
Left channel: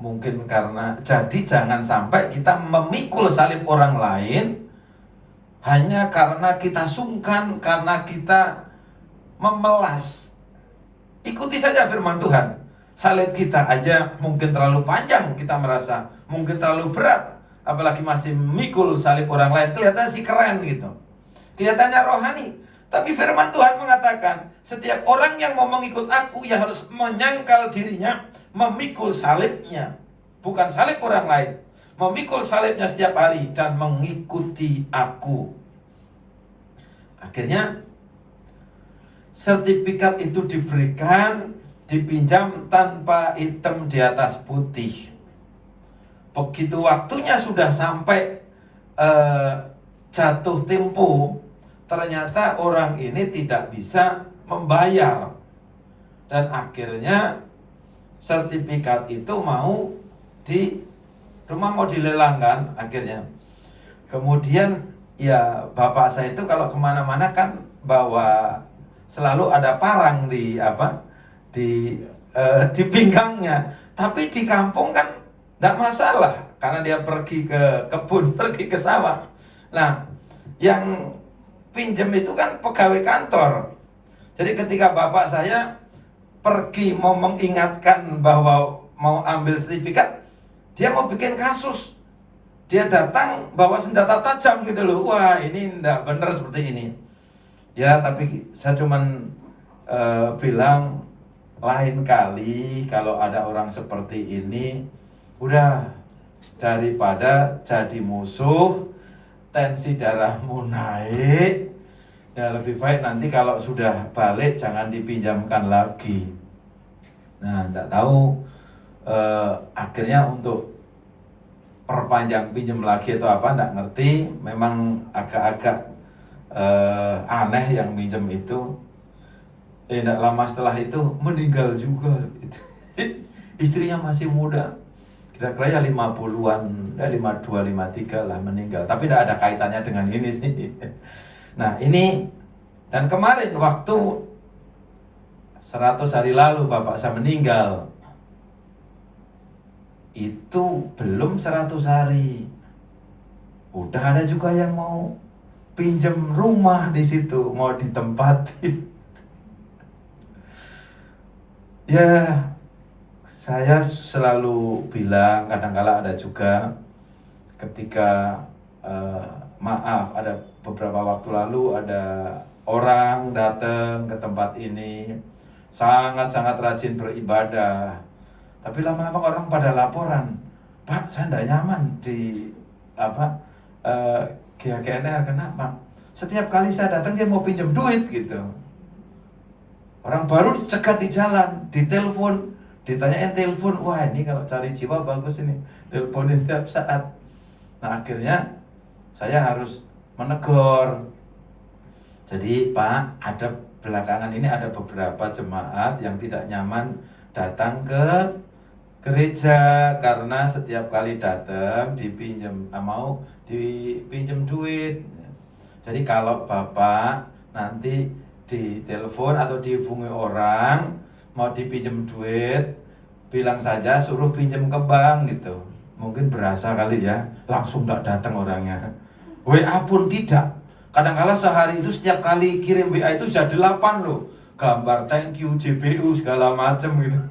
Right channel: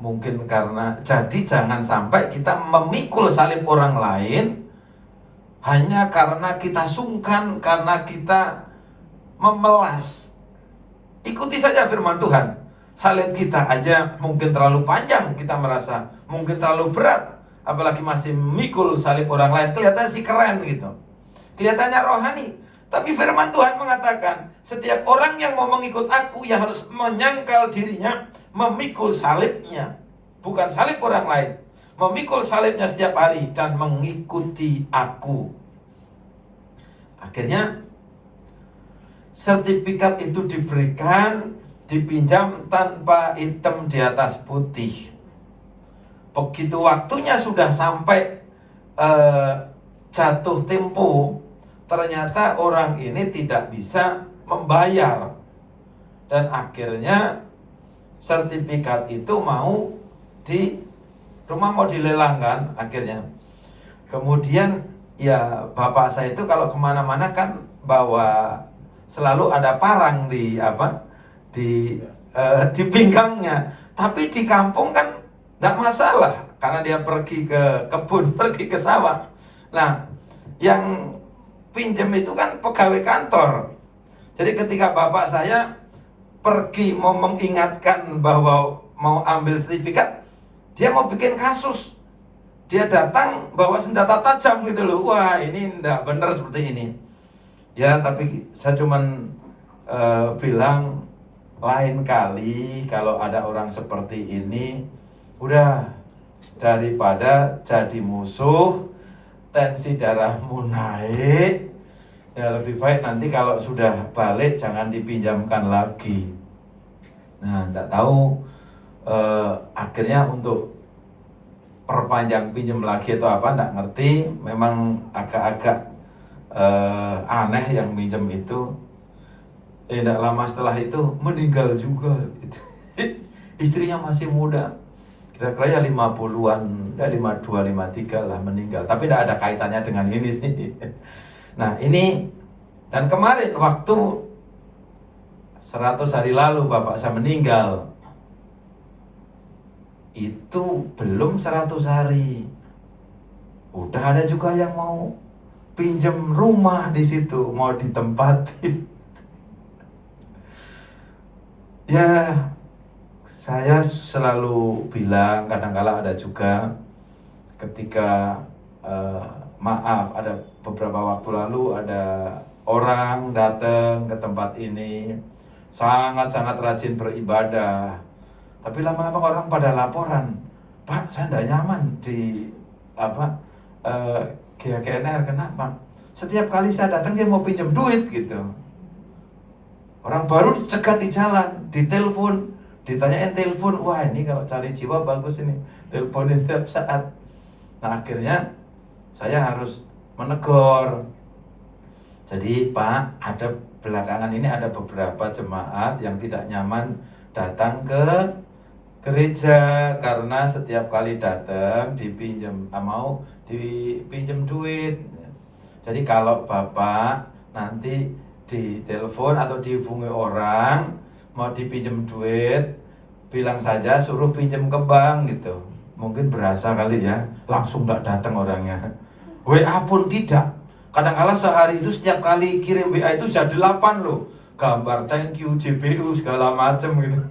mungkin karena jadi jangan sampai kita memikul salib orang lain hanya karena kita sungkan, karena kita memelas. Ikuti saja firman Tuhan. Salib kita aja mungkin terlalu panjang, kita merasa mungkin terlalu berat, apalagi masih memikul salib orang lain. Kelihatannya sih keren gitu, kelihatannya rohani. Tapi firman Tuhan mengatakan, setiap orang yang mau mengikut aku, ya harus menyangkal dirinya, memikul salibnya. Bukan salib orang lain, memikul salibnya setiap hari dan mengikuti aku. Akhirnya sertifikat itu diberikan, dipinjam tanpa hitam di atas putih. Begitu waktunya sudah sampai jatuh tempo, ternyata orang ini tidak bisa membayar. Dan akhirnya sertifikat itu mau dilelangkan akhirnya. Kemudian ya bapak saya itu kalau kemana-mana kan bawa selalu ada parang di pinggangnya. Tapi di kampung kan tidak masalah karena dia pergi ke kebun, pergi ke sawah. Nah, yang pinjam itu kan pegawai kantor. Jadi ketika bapak saya pergi mau mengingatkan bahwa mau ambil sertifikat, dia mau bikin kasus. Dia datang bawa senjata tajam gitu loh. Wah, ini enggak benar seperti ini. Ya, tapi saya cuman bilang lain kali kalau ada orang seperti ini, udah daripada jadi musuh, tensi darahmu naik, ya lebih baik nanti kalau sudah balik jangan dipinjamkan lagi. Nah, enggak tahu akhirnya untuk perpanjang pinjam lagi atau apa enggak ngerti. Memang agak-agak aneh yang minjem itu. Enggak lama setelah itu meninggal juga. Istrinya masih muda, kira-kira ya 50-an, 52, 53 lah meninggal. Tapi tidak ada kaitannya dengan ini sih. Nah ini, dan kemarin waktu 100 hari lalu bapak saya meninggal, itu belum 100 hari, udah ada juga yang mau pinjam rumah di situ, mau ditempatin. Ya, saya selalu bilang, kadang-kala ada juga ketika maaf, ada beberapa waktu lalu ada orang datang ke tempat ini sangat-sangat rajin beribadah, tapi lama-lama orang pada laporan, Pak, saya tidak nyaman di GKNR. Kenapa? Setiap kali saya datang dia mau pinjam duit gitu. Orang baru dicegat di jalan, ditelepon, ditanyain telepon, wah ini kalau cari jiwa bagus ini, teleponin tiap saat. Nah akhirnya saya harus menegur, Jadi Pak, ada belakangan ini ada beberapa jemaat yang tidak nyaman datang ke gereja karena setiap kali datang mau dipinjam duit. Jadi kalau Bapak nanti ditelepon atau dihubungi orang mau dipinjam duit, bilang saja suruh pinjam ke bank gitu. Mungkin berasa kali ya, langsung tidak datang orangnya. WA pun tidak. Kadang-kala sehari itu setiap kali kirim WA itu sudah 8 loh. Gambar thank you, JPU segala macam gitu.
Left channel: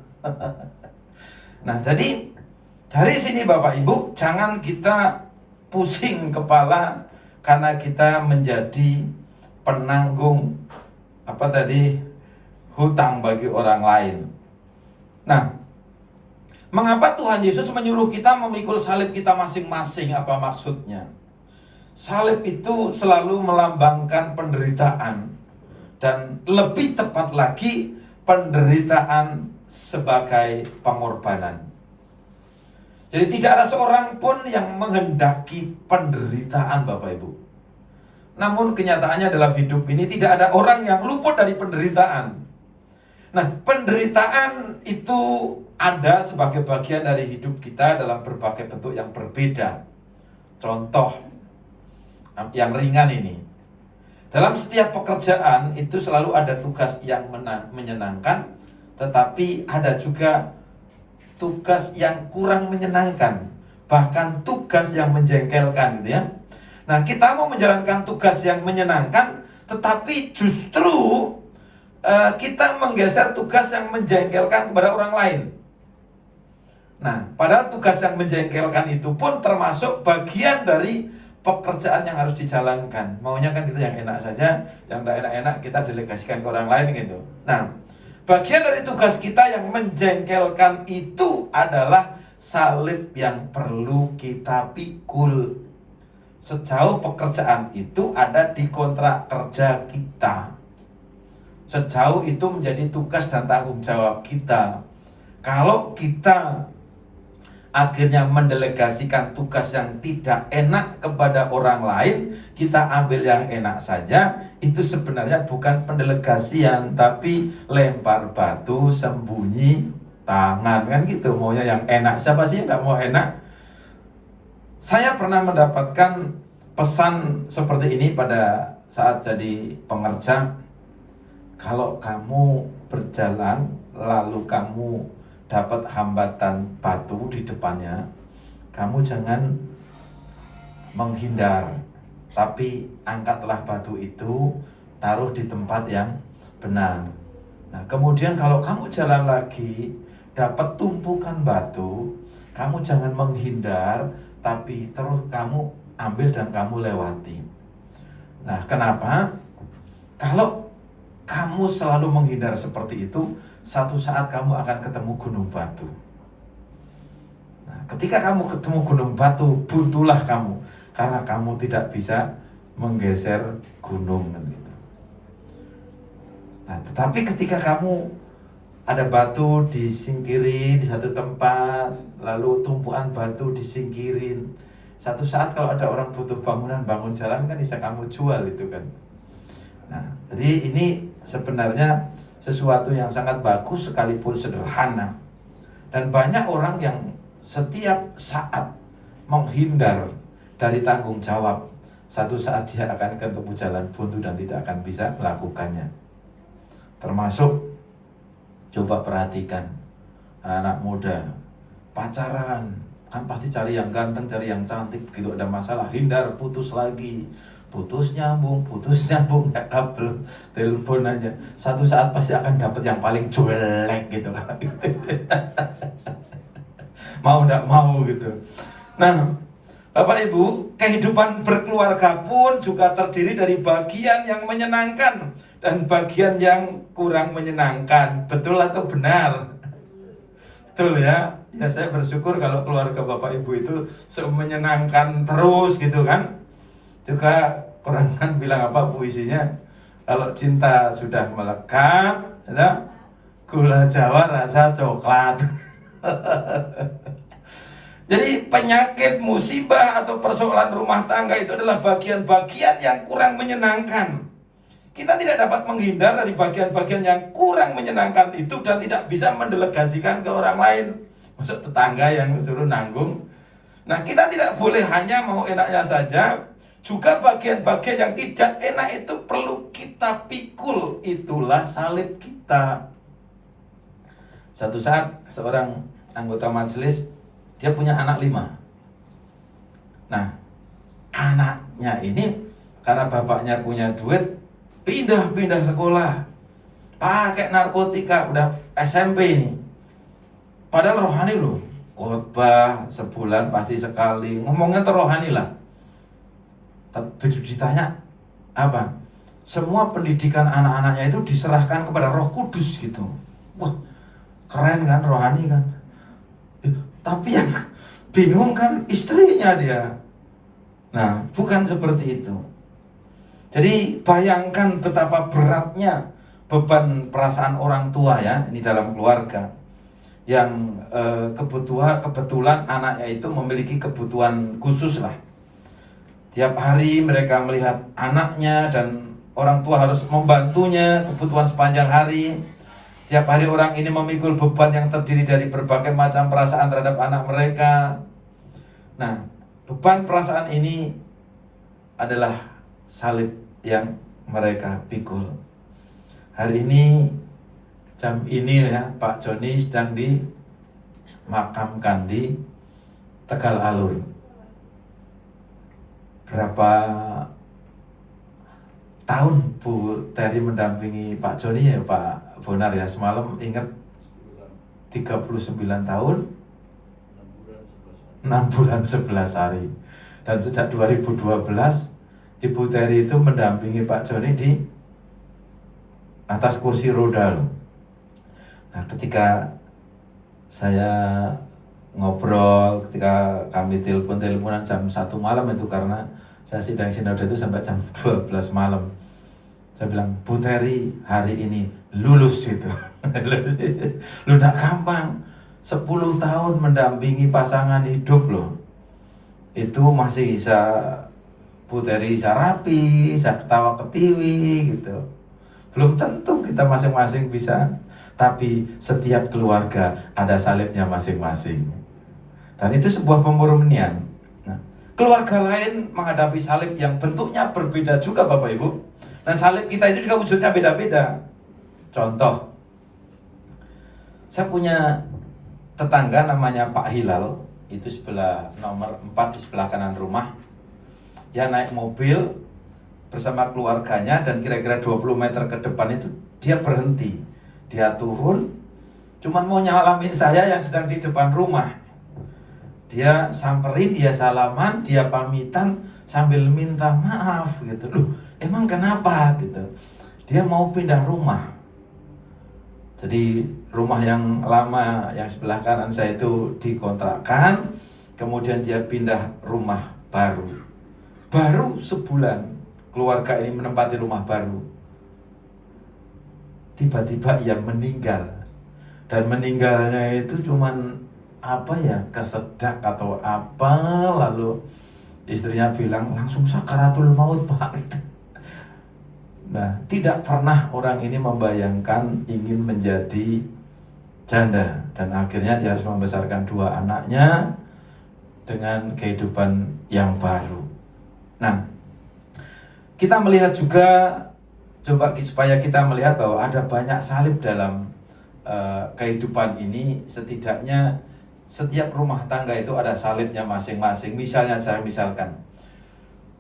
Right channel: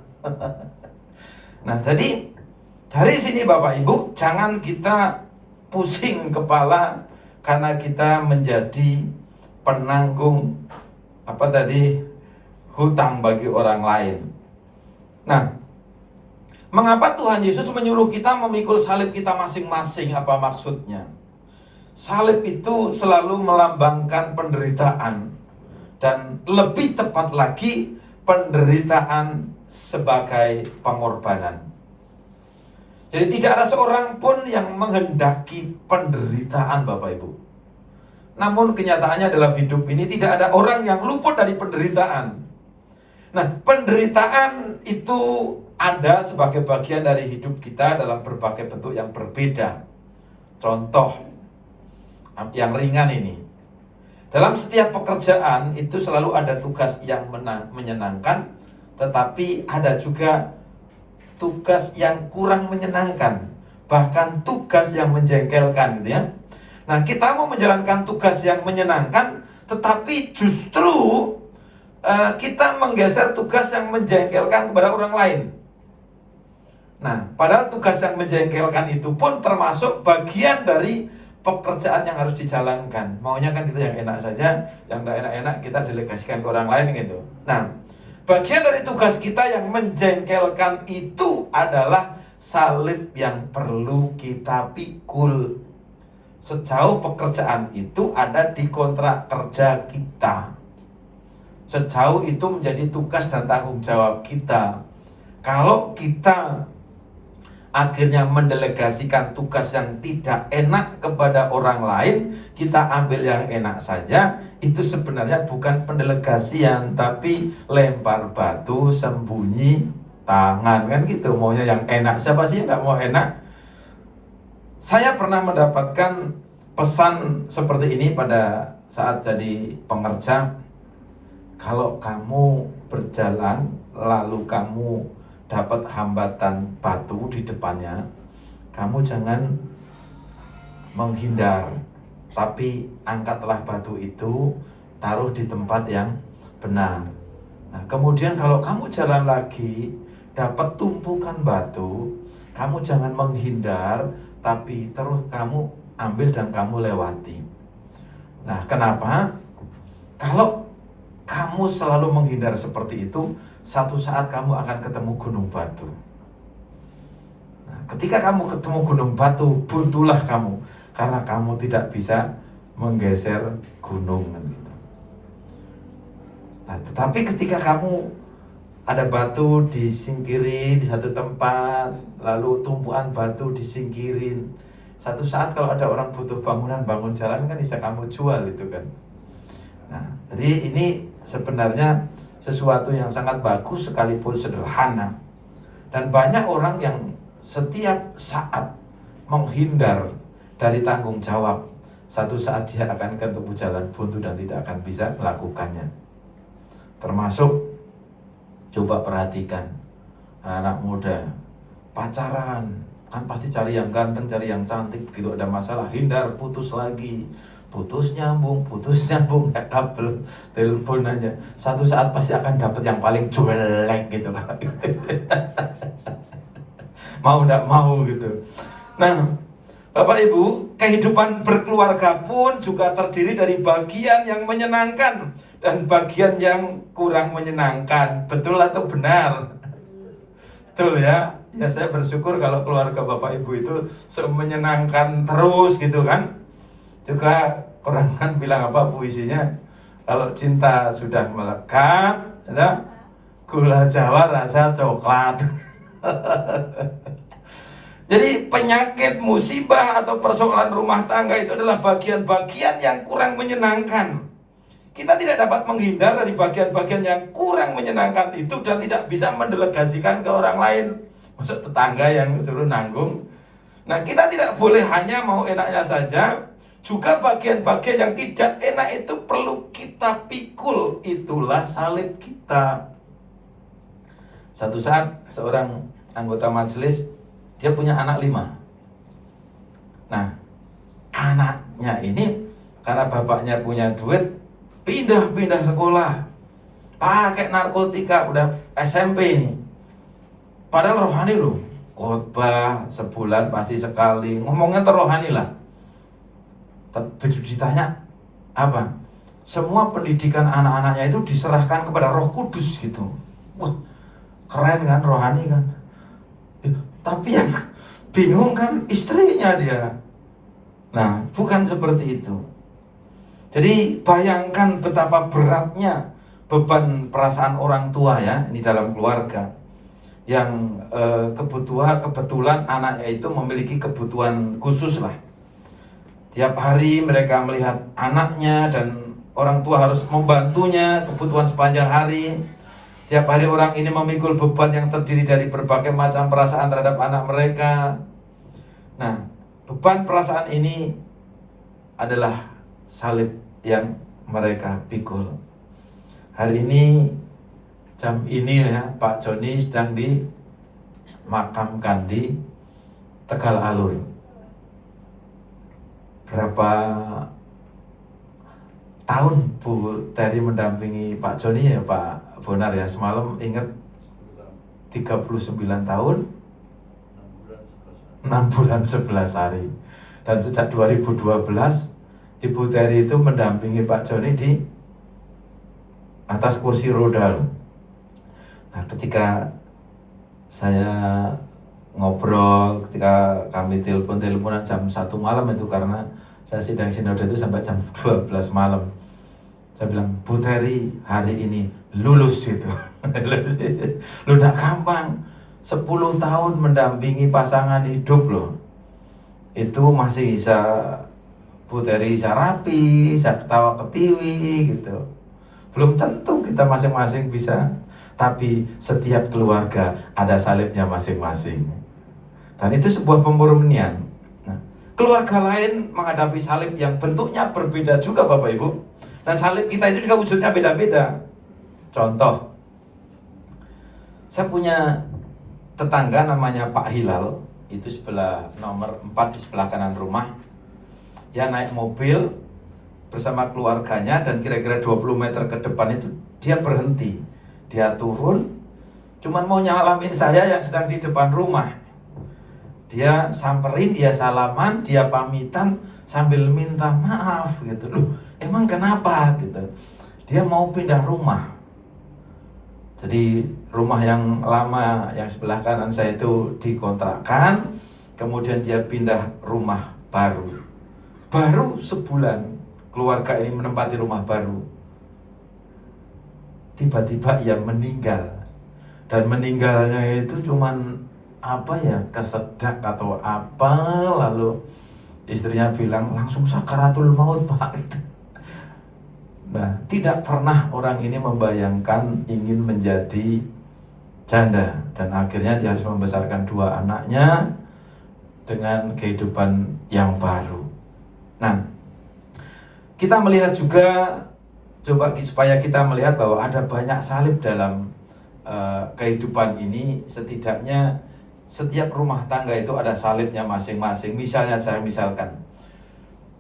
Nah, jadi dari sini Bapak Ibu, jangan kita pusing kepala karena kita menjadi penanggung hutang bagi orang lain. Nah, mengapa Tuhan Yesus menyuruh kita memikul salib kita masing-masing? Apa maksudnya? Salib itu selalu melambangkan penderitaan, dan lebih tepat lagi penderitaan sebagai pengorbanan. Jadi tidak ada seorang pun yang menghendaki penderitaan Bapak Ibu. Namun kenyataannya dalam hidup ini tidak ada orang yang luput dari penderitaan. Nah, penderitaan itu ada sebagai bagian dari hidup kita dalam berbagai bentuk yang berbeda. Contoh yang ringan ini, dalam setiap pekerjaan itu selalu ada tugas yang menyenangkan, tetapi ada juga tugas yang kurang menyenangkan, bahkan tugas yang menjengkelkan gitu ya. Nah, kita mau menjalankan tugas yang menyenangkan, tetapi justru kita menggeser tugas yang menjengkelkan kepada orang lain. Nah, padahal tugas yang menjengkelkan itu pun termasuk bagian dari pekerjaan yang harus dijalankan. Maunya kan kita yang enak saja, yang tidak enak-enak kita delegasikan ke orang lain gitu. Nah, bagian dari tugas kita yang menjengkelkan itu adalah salib yang perlu kita pikul. Sejauh pekerjaan itu ada di kontrak kerja kita, sejauh itu menjadi tugas dan tanggung jawab kita. Kalau kita akhirnya mendelegasikan tugas yang tidak enak kepada orang lain, kita ambil yang enak saja, itu sebenarnya bukan pendelegasian, tapi lempar batu sembunyi tangan, kan gitu. Maunya yang enak, siapa sih yang nggak mau enak? Saya pernah mendapatkan pesan seperti ini pada saat jadi pengerja. Kalau kamu berjalan lalu kamu dapat hambatan batu di depannya, kamu jangan menghindar, tapi angkatlah batu itu, taruh di tempat yang benar. Nah, kemudian kalau kamu jalan lagi, dapat tumpukan batu, kamu jangan menghindar, tapi terus kamu ambil dan kamu lewati. Nah, kenapa? Kalau kamu selalu menghindar seperti itu, satu saat kamu akan ketemu gunung batu. Nah, ketika kamu ketemu gunung batu, buntulah kamu, karena kamu tidak bisa menggeser gunung gitu. Nah, tetapi ketika kamu ada batu disingkirin di satu tempat, lalu tumpuan batu disingkirin, satu saat kalau ada orang butuh bangunan, bangun jalan kan bisa kamu jual itu kan. Nah, jadi ini sebenarnya sesuatu yang sangat bagus sekalipun sederhana. Dan banyak orang yang setiap saat menghindar dari tanggung jawab, satu saat dia akan ketemu jalan buntu dan tidak akan bisa melakukannya. Termasuk, coba perhatikan anak-anak muda pacaran, kan pasti cari yang ganteng, cari yang cantik. Begitu ada masalah, hindar, putus lagi, putus nyambung, nggak kabel, telepon aja. Satu saat pasti akan dapat yang paling jelek gitu kan. Mau nggak mau gitu. Nah, Bapak Ibu, kehidupan berkeluarga pun juga terdiri dari bagian yang menyenangkan dan bagian yang kurang menyenangkan. Betul atau benar? Betul ya. Ya, saya bersyukur kalau keluarga Bapak Ibu itu menyenangkan terus gitu kan. Juga orang kan bilang apa puisinya, kalau cinta sudah melekat, ya, gula Jawa rasa coklat. Jadi penyakit, musibah atau persoalan rumah tangga itu adalah bagian-bagian yang kurang menyenangkan, Kita tidak dapat menghindar dari bagian-bagian yang kurang menyenangkan itu dan tidak bisa mendelegasikan ke orang lain. Maksud tetangga yang suruh nanggung. Nah, kita tidak boleh hanya mau enaknya saja. Juga bagian-bagian yang tidak enak itu perlu kita pikul. Itulah salib kita. Satu saat seorang anggota majelis, dia punya anak 5. Nah, anaknya ini karena bapaknya punya duit, pindah sekolah, pakai narkotika, udah SMP ini. Padahal rohani loh, khotbah sebulan pasti sekali, ngomongnya terrohani lah. Tapi ditanya apa? Semua pendidikan anak-anaknya itu diserahkan kepada Roh Kudus gitu. Wah, keren kan, rohani kan. Tapi yang bingung kan istrinya dia. Nah, bukan seperti itu. Jadi bayangkan betapa beratnya beban perasaan orang tua ya, ini dalam keluarga yang kebetulan anaknya itu memiliki kebutuhan khusus lah. Tiap hari mereka melihat anaknya dan orang tua harus membantunya kebutuhan sepanjang hari. Tiap hari orang ini memikul beban yang terdiri dari berbagai macam perasaan terhadap anak mereka. Nah, beban perasaan ini adalah salib yang mereka pikul. Hari ini, jam ini ya, Pak Joni sedang dimakamkan di Tegal Alur. Berapa tahun Bu Teri mendampingi Pak Joni ya Pak Bonar ya? Semalam ingat 39 tahun 6 bulan 11 hari. Dan sejak 2012 Ibu Teri itu mendampingi Pak Joni di atas kursi roda. Nah, ketika saya ngobrol, ketika kami teleponan jam 1 malam itu karena saya sidang sinode itu sampai jam 12 malam. Saya bilang, Bu Teri hari ini lulus itu. Lu gak gampang. 10 tahun mendampingi pasangan hidup loh. Itu masih bisa Bu Teri bisa rapi, bisa ketawa ketiwi gitu. Belum tentu kita masing-masing bisa. Tapi setiap keluarga ada salibnya masing-masing. Dan itu sebuah pemurnian. Nah, keluarga lain menghadapi salib yang bentuknya berbeda juga Bapak Ibu. Nah, salib kita itu juga wujudnya beda-beda. Contoh, saya punya tetangga namanya Pak Hilal. Itu sebelah nomor 4 di sebelah kanan rumah. Dia naik mobil bersama keluarganya dan kira-kira 20 meter ke depan itu dia berhenti. Dia turun, cuman mau nyalamin saya yang sedang di depan rumah. Dia samperin, dia salaman, dia pamitan sambil minta maaf gitu. Loh, emang kenapa gitu? Dia mau pindah rumah. Jadi rumah yang lama yang sebelah kanan saya itu dikontrakkan, kemudian dia pindah rumah baru. Baru sebulan keluarga ini menempati rumah baru. Tiba-tiba ia meninggal. Dan meninggalnya itu cuman apa ya, kesedak atau apa, lalu istrinya bilang langsung sakaratul maut Pak. Nah, tidak pernah orang ini membayangkan ingin menjadi janda. Dan akhirnya dia harus membesarkan 2 anaknya dengan kehidupan yang baru. Nah, kita melihat juga, coba supaya kita melihat bahwa ada banyak salib dalam kehidupan ini. Setidaknya setiap rumah tangga itu ada salibnya masing-masing. Misalnya saya misalkan,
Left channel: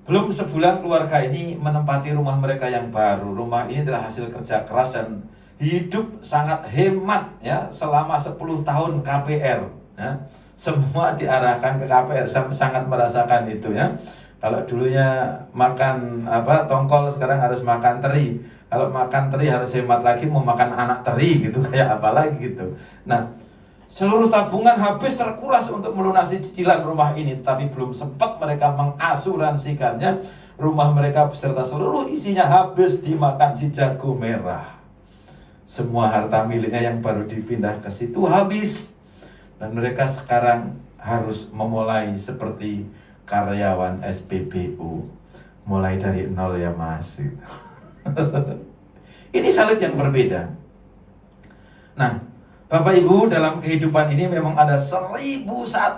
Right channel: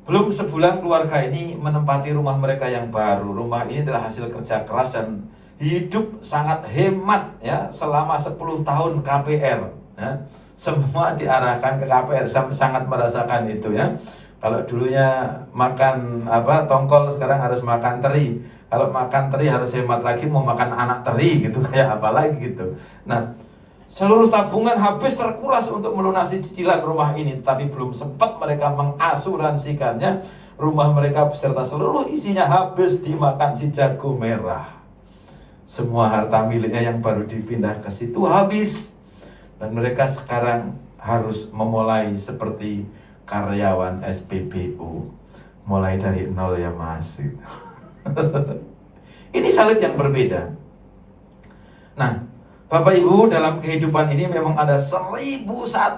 belum sebulan keluarga ini menempati rumah mereka yang baru. Rumah ini adalah hasil kerja keras dan hidup sangat hemat ya, selama 10 tahun KPR ya. Semua diarahkan ke KPR. Saya sangat merasakan itu ya. Kalau dulunya makan tongkol, sekarang harus makan teri. Kalau makan teri harus hemat lagi, mau makan anak teri gitu, kayak apa lagi gitu. Nah, seluruh tabungan habis terkuras untuk melunasi cicilan rumah ini, tetapi belum sempat mereka mengasuransikannya. Rumah mereka beserta seluruh isinya habis dimakan si jago merah. Semua harta miliknya yang baru dipindah ke situ habis. Dan mereka sekarang harus memulai seperti karyawan SPBU, mulai dari nol ya Mas gitu. Ini salib yang berbeda. Nah, Bapak Ibu, dalam kehidupan ini memang ada 1001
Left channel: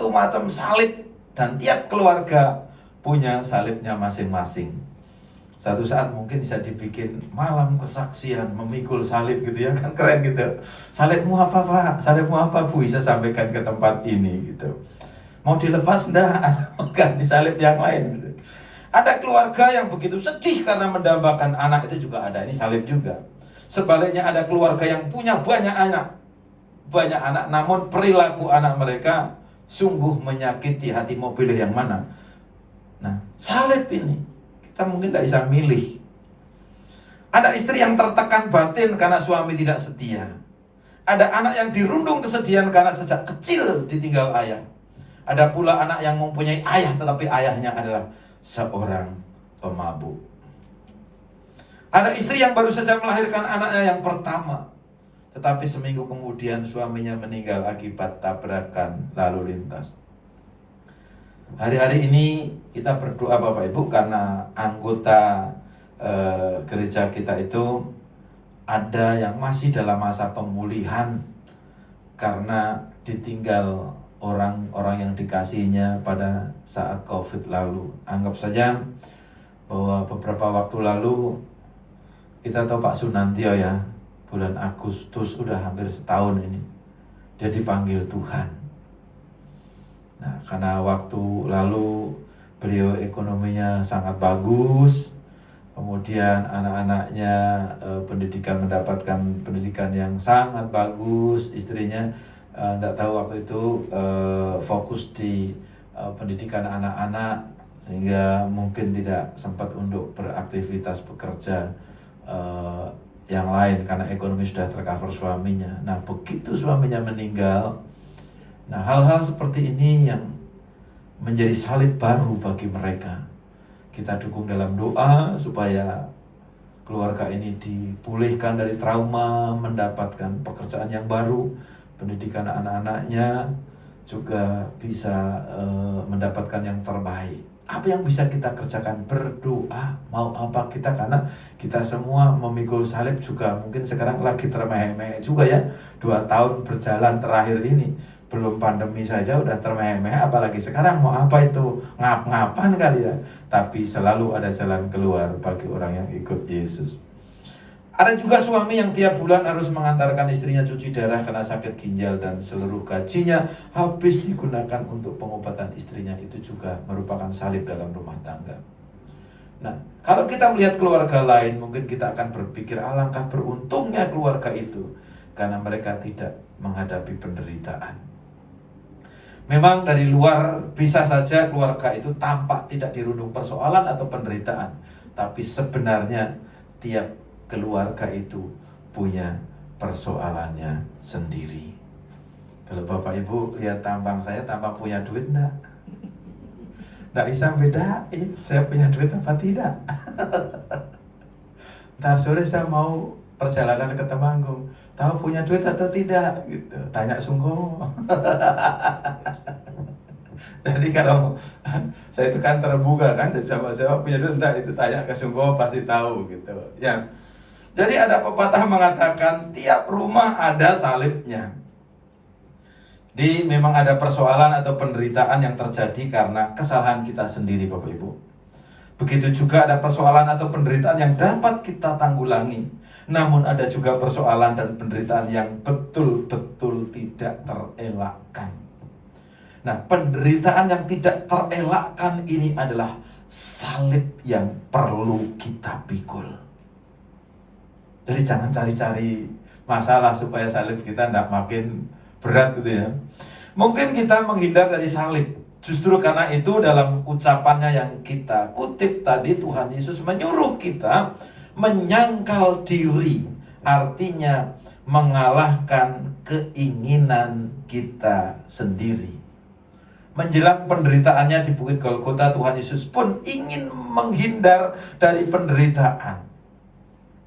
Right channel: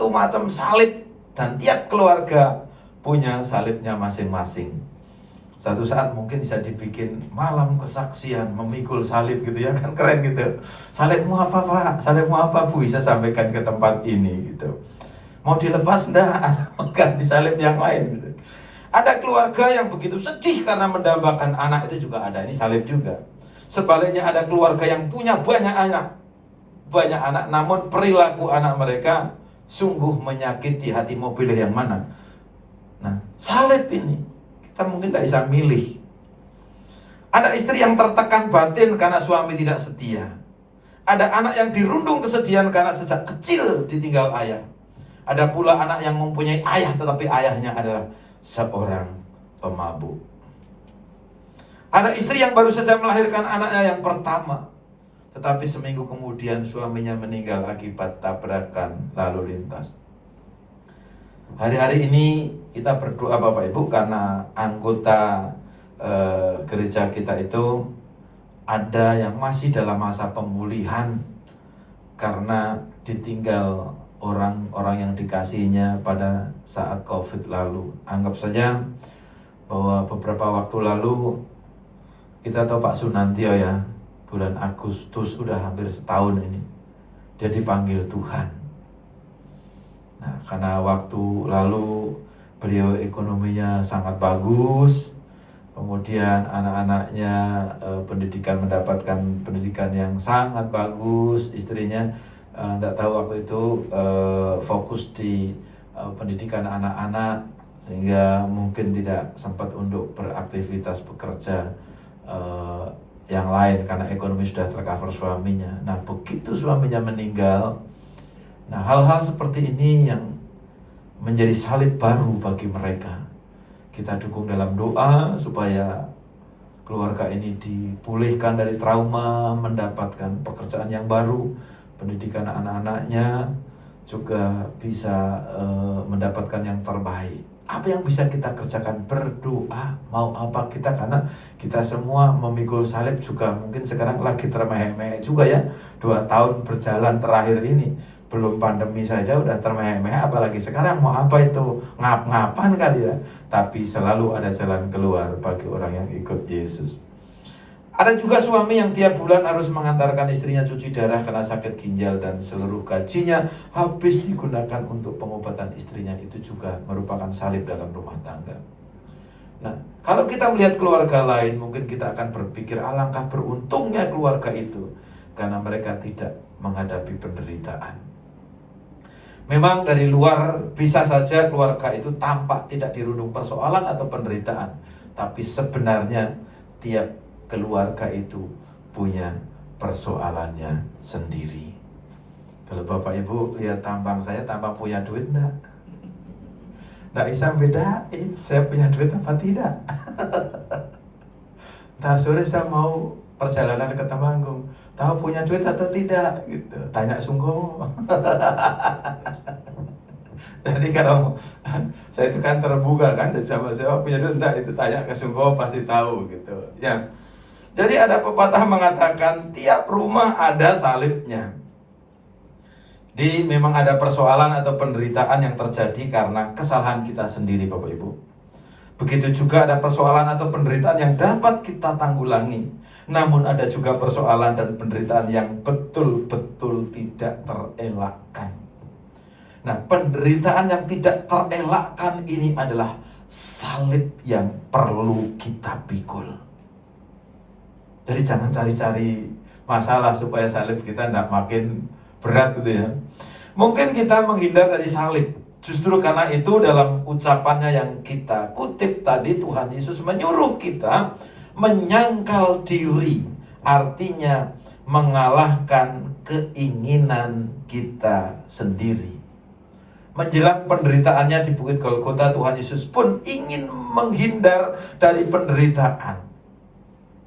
macam salib, dan tiap keluarga punya salibnya masing-masing. Satu saat mungkin bisa dibikin malam kesaksian memikul salib gitu ya, kan keren gitu. Salibmu apa Pak? Salibmu apa Bu? Bisa sampaikan ke tempat ini gitu. Mau dilepas enggak? Atau ganti salib yang lain gitu. Ada keluarga yang begitu sedih karena mendambakan anak, itu juga ada, ini salib juga. Sebaliknya ada keluarga yang punya banyak anak, namun perilaku anak mereka sungguh menyakiti hati. Mau pilih yang mana? Nah, salib ini kita mungkin tidak bisa milih. Ada istri yang tertekan batin karena suami tidak setia. Ada anak yang dirundung kesedihan karena sejak kecil ditinggal ayah. Ada pula anak yang mempunyai ayah tetapi ayahnya adalah seorang pemabuk. Ada istri yang baru saja melahirkan anaknya yang pertama, tetapi seminggu kemudian suaminya meninggal akibat tabrakan lalu lintas. Hari-hari ini kita berdoa Bapak Ibu, karena anggota gereja kita itu ada yang masih dalam masa pemulihan karena ditinggal orang-orang yang dikasihinya pada saat COVID lalu. Anggap saja bahwa beberapa waktu lalu kita tahu Pak Sunantio ya, bulan Agustus udah hampir setahun ini dia dipanggil Tuhan. Nah, karena waktu lalu beliau ekonominya sangat bagus, kemudian anak-anaknya mendapatkan pendidikan yang sangat bagus, istrinya tidak tahu waktu itu fokus di pendidikan anak-anak, sehingga mungkin tidak sempat untuk beraktivitas bekerja yang lain karena ekonomi sudah tercover suaminya. Nah, begitu suaminya meninggal, nah hal-hal seperti ini yang menjadi salib baru bagi mereka. Kita dukung dalam doa supaya keluarga ini dipulihkan dari trauma, mendapatkan pekerjaan yang baru, pendidikan anak-anaknya juga bisa mendapatkan yang terbaik. Apa yang bisa kita kerjakan? Berdoa. Mau apa kita? Karena kita semua memikul salib juga mungkin sekarang lagi termehek-mehek juga ya. 2 tahun berjalan terakhir ini, belum pandemi saja udah termehek-mehek, apalagi sekarang mau apa itu? Ngap-ngapan kali ya. Tapi selalu ada jalan keluar bagi orang yang ikut Yesus. Ada juga suami yang tiap bulan harus mengantarkan istrinya cuci darah karena sakit ginjal dan seluruh gajinya habis digunakan untuk pengobatan istrinya. Itu juga merupakan salib dalam rumah tangga. Nah, kalau kita melihat keluarga lain, mungkin kita akan berpikir alangkah beruntungnya keluarga itu karena mereka tidak menghadapi penderitaan. Memang dari luar bisa saja keluarga itu tampak tidak dirundung persoalan atau penderitaan, tapi sebenarnya tiap keluarga itu punya persoalannya sendiri. Kalau Bapak Ibu lihat tampang saya, tampang punya duit enggak? Enggak bisa bedain saya punya duit apa tidak. Ntar sore saya mau perjalanan ke Temanggung, tahu punya duit atau tidak gitu, tanya Sungkomo. Jadi kalau saya itu kan terbuka kan, sama siapa punya duit enggak, itu tanya ke Sungkomo pasti tahu gitu ya. Jadi ada pepatah mengatakan tiap rumah ada salibnya. Memang ada persoalan atau penderitaan yang terjadi karena kesalahan kita sendiri Bapak Ibu. Begitu juga ada persoalan atau penderitaan yang dapat kita tanggulangi. Namun ada juga persoalan dan penderitaan yang betul-betul tidak terelakkan. Nah, penderitaan yang tidak terelakkan ini adalah salib yang perlu kita pikul. Jadi jangan cari-cari masalah supaya salib kita tidak makin berat gitu ya. Mungkin kita menghindar dari salib. Justru karena itu dalam ucapannya yang kita kutip tadi, Tuhan Yesus menyuruh kita menyangkal diri. Artinya mengalahkan keinginan kita sendiri. Menjelang penderitaannya di Bukit Golgota, Tuhan Yesus pun ingin menghindar dari penderitaan.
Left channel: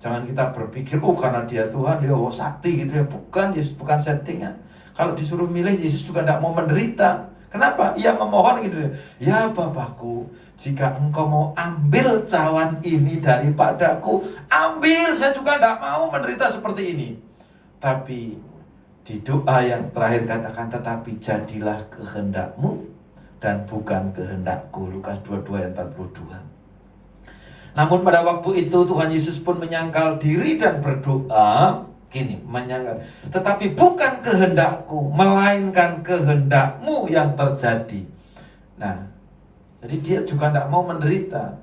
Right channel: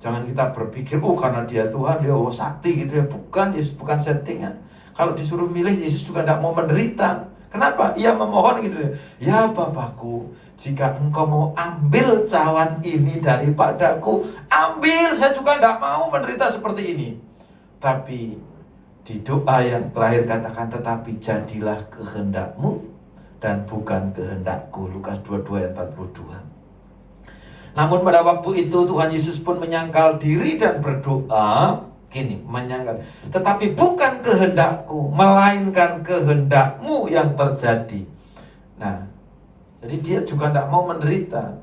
Jangan kita berpikir, karena dia Tuhan, dia sakti gitu ya. Bukan, Yesus bukan settingan. Kalau disuruh milih, Yesus juga tidak mau menderita. Kenapa? Ia memohon gitu. Ya Bapakku, jika engkau mau ambil cawan ini daripadaku, ambil. Saya juga tidak mau menderita seperti ini. Tapi di doa yang terakhir katakan, tetapi jadilah kehendakmu dan bukan kehendakku. Lukas 22 ayat 42. Namun pada waktu itu Tuhan Yesus pun menyangkal diri dan berdoa gini, menyangkal, tetapi bukan kehendakku, melainkan kehendakmu yang terjadi. Nah, jadi dia juga tidak mau menderita.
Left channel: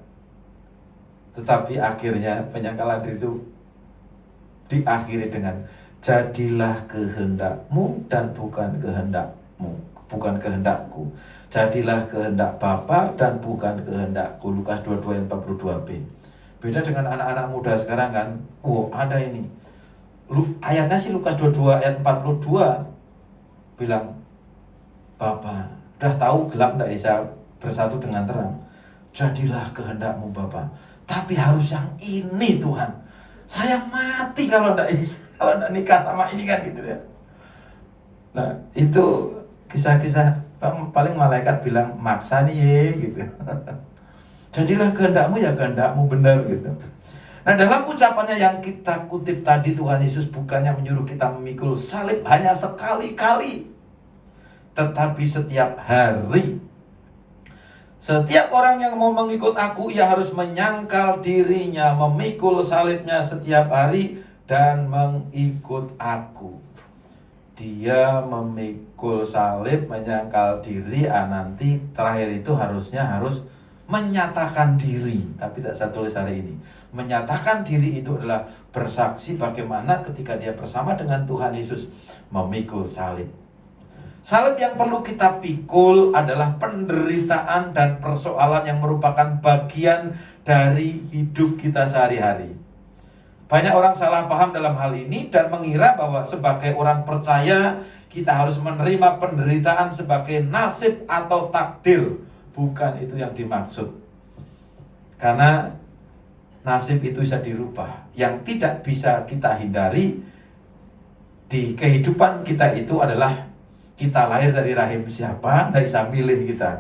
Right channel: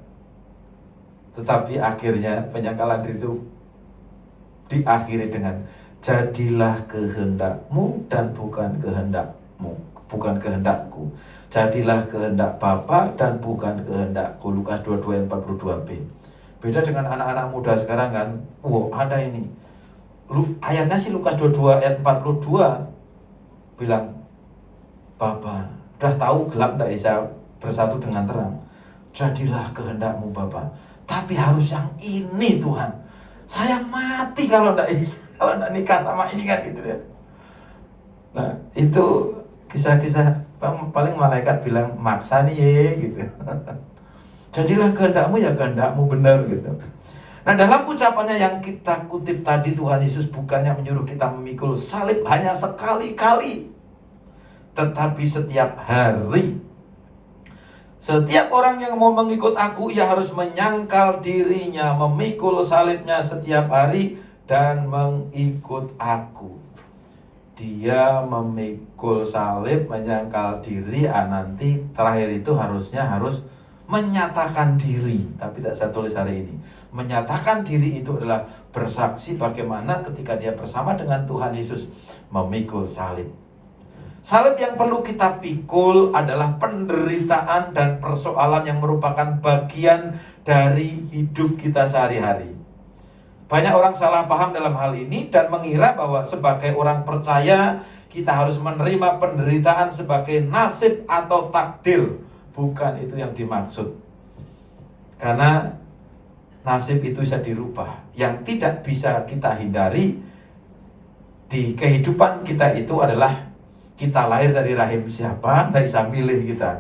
Tetapi akhirnya penyangkalan diri itu diakhiri dengan jadilah kehendakmu dan bukan kehendakmu, bukan kehendakku. Jadilah kehendak Bapa dan bukan kehendakku. Lukas 22 ayat 42b. Beda dengan anak-anak muda sekarang kan. Ada ini. Ayatnya sih Lukas 22 ayat 42 bilang, Bapa, udah tahu gelap tidak bisa bersatu dengan terang. Jadilah kehendakmu Bapa. Tapi harus yang ini Tuhan. Saya mati kalau tidak nikah sama ini kan gitu ya. Nah itu kisah-kisah paling malaikat bilang maksa nih ye gitu. Jadilah kehendakmu ya kehendakmu benar gitu. Nah dalam ucapannya yang kita kutip tadi, Tuhan Yesus bukannya menyuruh kita memikul salib hanya sekali-kali, tetapi setiap hari. Setiap orang yang mau mengikut aku, ia harus menyangkal dirinya, memikul salibnya setiap hari dan mengikut aku. Dia memikul salib, menyangkal diri, nanti terakhir itu harus menyatakan diri. Tapi tak saya tulis hari ini. Menyatakan diri itu adalah bersaksi bagaimana ketika dia bersama dengan Tuhan Yesus memikul salib. Salib yang perlu kita pikul adalah penderitaan dan persoalan yang merupakan bagian dari hidup kita sehari-hari. Banyak orang salah paham dalam hal ini dan mengira bahwa sebagai orang percaya kita harus menerima penderitaan sebagai nasib atau takdir. Bukan itu yang dimaksud. Karena nasib itu bisa dirubah. Yang tidak bisa kita hindari di kehidupan kita itu adalah kita lahir dari rahim siapa, tidak bisa milih kita.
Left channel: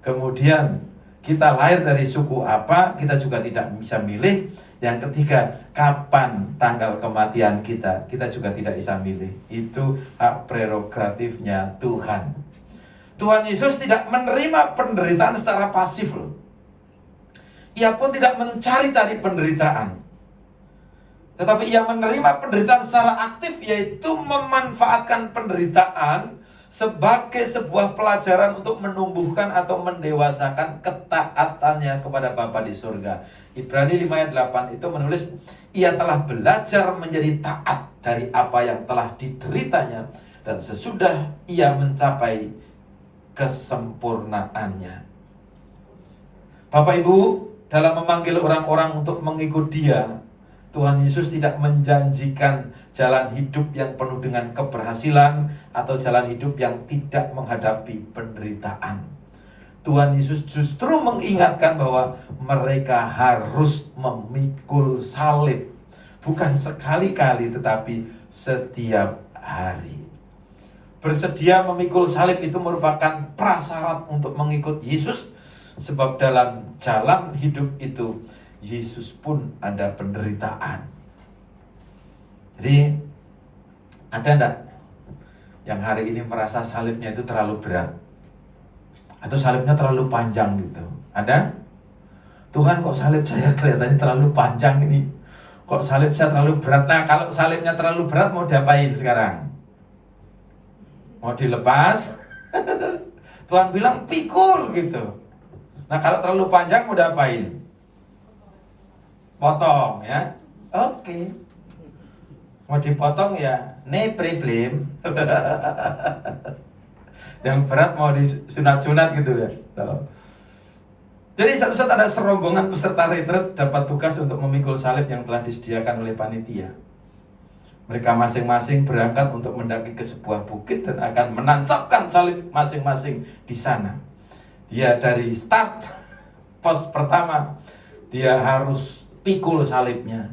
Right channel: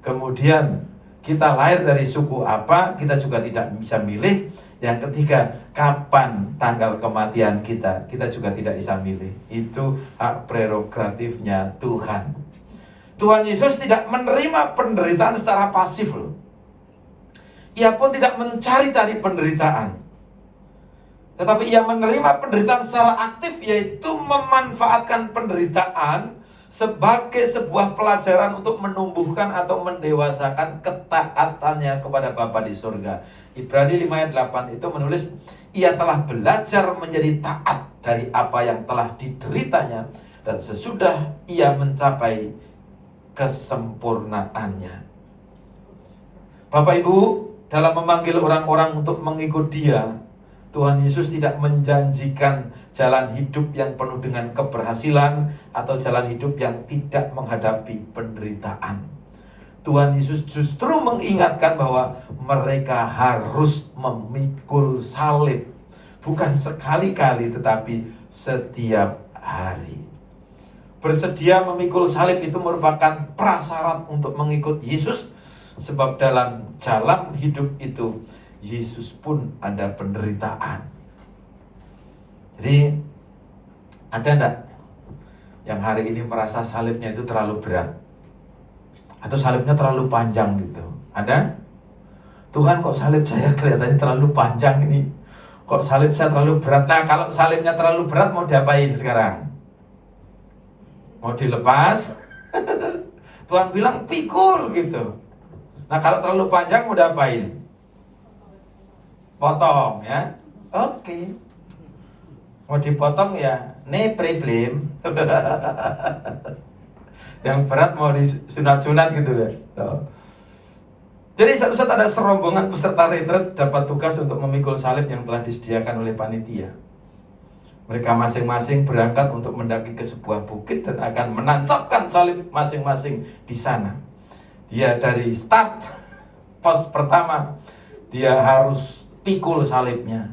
Kemudian kita lahir dari suku apa, kita juga tidak bisa milih. Yang ketiga, kapan tanggal kematian kita juga tidak bisa milih. Itu hak prerogatifnya Tuhan. Tuhan Yesus tidak menerima penderitaan secara pasif loh. Ia pun tidak mencari-cari penderitaan. Tetapi ia menerima penderitaan secara aktif, yaitu memanfaatkan penderitaan sebagai sebuah pelajaran untuk menumbuhkan atau mendewasakan ketaatannya kepada Bapa di surga. Ibrani 5 ayat 8 itu menulis, ia telah belajar menjadi taat dari apa yang telah dideritanya, dan sesudah ia mencapai kesempurnaannya. Bapak Ibu, dalam memanggil orang-orang untuk mengikut dia, Tuhan Yesus tidak menjanjikan jalan hidup yang penuh dengan keberhasilan atau jalan hidup yang tidak menghadapi penderitaan. Tuhan Yesus justru mengingatkan bahwa mereka harus memikul salib. Bukan sekali-kali tetapi setiap hari. Bersedia memikul salib itu merupakan prasyarat untuk mengikut Yesus. Sebab dalam jalan hidup itu Yesus pun ada penderitaan. Jadi ada enggak yang hari ini merasa salibnya itu terlalu berat? Atau salibnya terlalu panjang gitu? Ada? Tuhan, kok salib saya kelihatannya terlalu panjang ini? Kok salib saya terlalu berat? Nah, kalau salibnya terlalu berat mau diapain sekarang? Mau dilepas? Tuhan bilang pikul gitu. Nah, kalau terlalu panjang mau diapain? Potong ya. Oke. Mau dipotong ya, no problem. Yang berat mau disunat-sunat gitu ya. Jadi satu-satu ada serombongan peserta retret dapat tugas untuk memikul salib yang telah disediakan oleh panitia. Mereka masing-masing berangkat untuk mendaki ke sebuah bukit dan akan menancapkan salib masing-masing di sana. Dia dari start pos pertama dia harus pikul salibnya.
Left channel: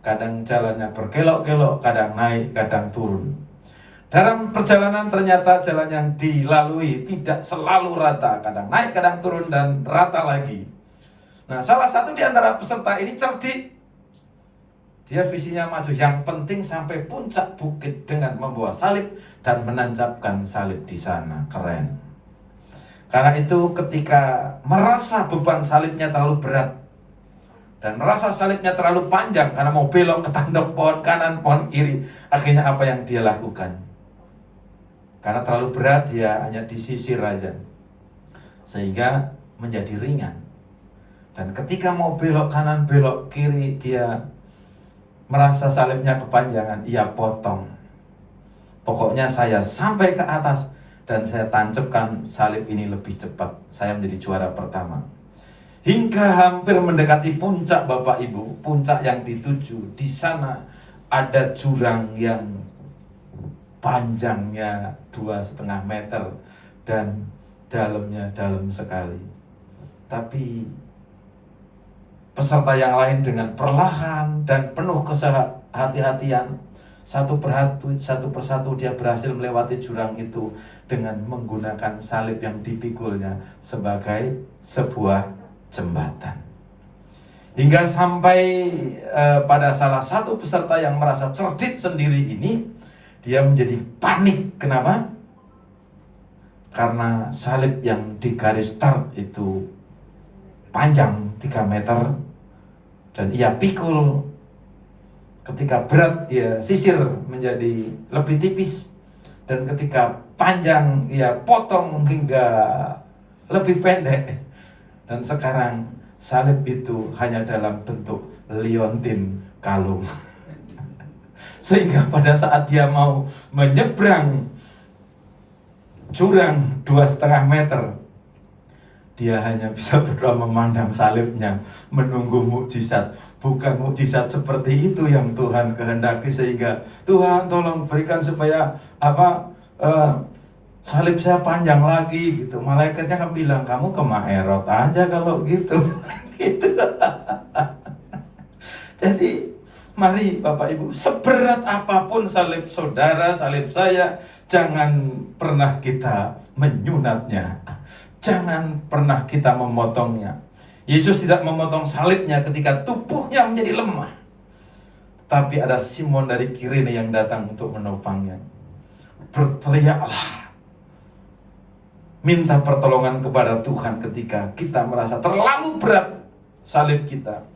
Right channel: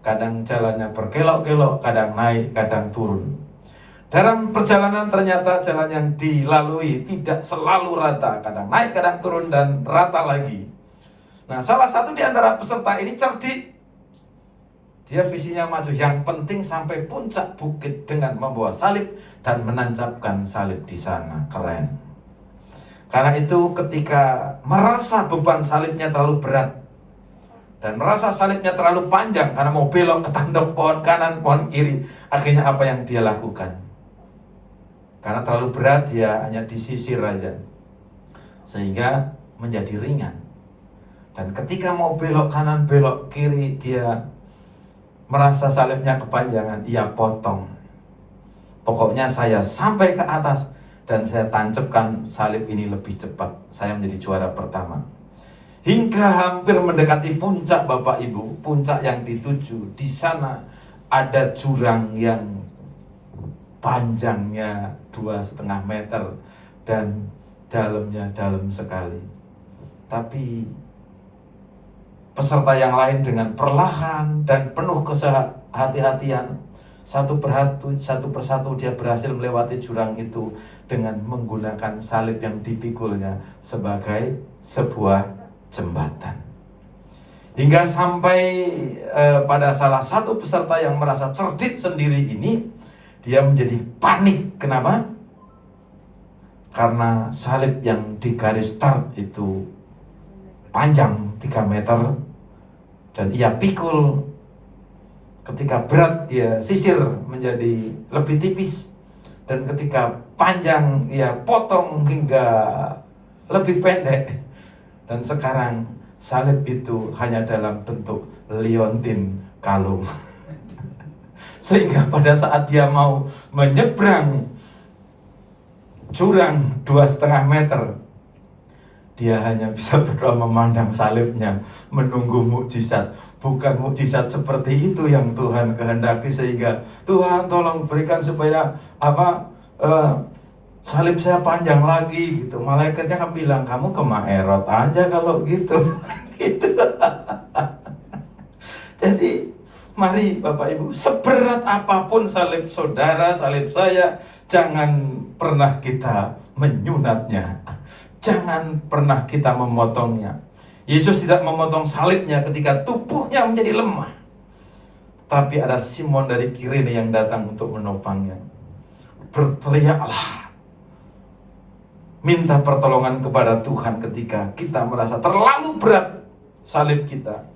Kadang jalannya berkelok-kelok, kadang naik, kadang turun. Dalam perjalanan ternyata jalan yang dilalui tidak selalu rata, kadang naik, kadang turun, dan rata lagi. Nah, salah satu di antara peserta ini cerdik. Dia visinya maju, yang penting sampai puncak bukit dengan membawa salib dan menancapkan salib di sana. Keren. Karena itu ketika merasa beban salibnya terlalu berat dan merasa salibnya terlalu panjang karena mau belok ke tanduk pohon kanan, pohon kiri, akhirnya apa yang dia lakukan? Karena terlalu berat, dia hanya disisir aja sehingga menjadi ringan. Dan ketika mau belok kanan, belok kiri, dia merasa salibnya kepanjangan, ia potong. Pokoknya saya sampai ke atas dan saya tancapkan salib ini lebih cepat. Saya menjadi juara pertama. Hingga hampir mendekati puncak, Bapak Ibu, puncak yang dituju. Di sana ada jurang yang panjangnya 2,5 meter dan dalamnya dalam sekali. Tapi peserta yang lain dengan perlahan dan penuh kehati-hatian, satu persatu dia berhasil melewati jurang itu dengan menggunakan salib yang dipikulnya sebagai sebuah jembatan. Hingga sampai pada salah satu peserta yang merasa cerdik sendiri ini, dia menjadi panik. Kenapa? Karena salib yang di garis start itu panjang 3 meter dan ia pikul. Ketika berat dia sisir menjadi lebih tipis, dan ketika panjang ia potong hingga lebih pendek. Dan sekarang salib itu hanya dalam bentuk liontin kalung. Sehingga pada saat dia mau menyeberang jurang 2,5 meter, dia hanya bisa berdoa memandang salibnya, menunggu mukjizat. Bukan mukjizat seperti itu yang Tuhan kehendaki, sehingga Tuhan tolong berikan supaya salib saya panjang lagi gitu. Malaikatnya kan bilang, kamu ke Maerot aja kalau gitu. Gitu. Jadi mari Bapak Ibu, seberat apapun salib saudara, salib saya, jangan pernah kita menyunatnya. Jangan pernah kita memotongnya. Yesus tidak memotong salibnya ketika tubuhnya menjadi lemah. Tapi ada Simon dari Kirene yang datang untuk menopangnya. Berteriaklah, minta pertolongan kepada Tuhan ketika kita merasa terlalu berat salib kita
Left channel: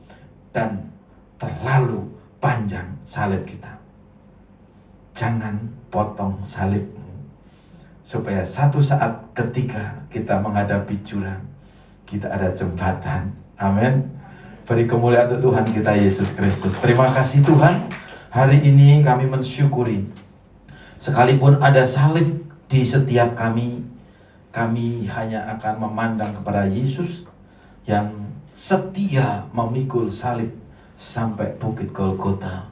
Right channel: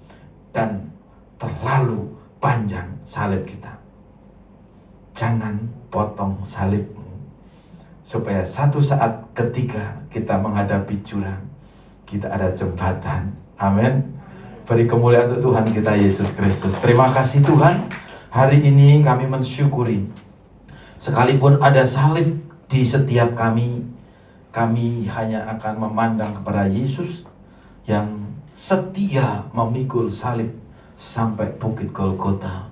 dan terlalu panjang salib kita. Jangan potong salibmu, supaya satu saat ketika kita menghadapi jurang, kita ada jembatan. Amin. Beri kemuliaan untuk Tuhan kita Yesus Kristus. Terima kasih Tuhan. Hari ini kami mensyukuri, sekalipun ada salib di setiap kami hanya akan memandang kepada Yesus yang setia memikul salib sampai Bukit Golgota.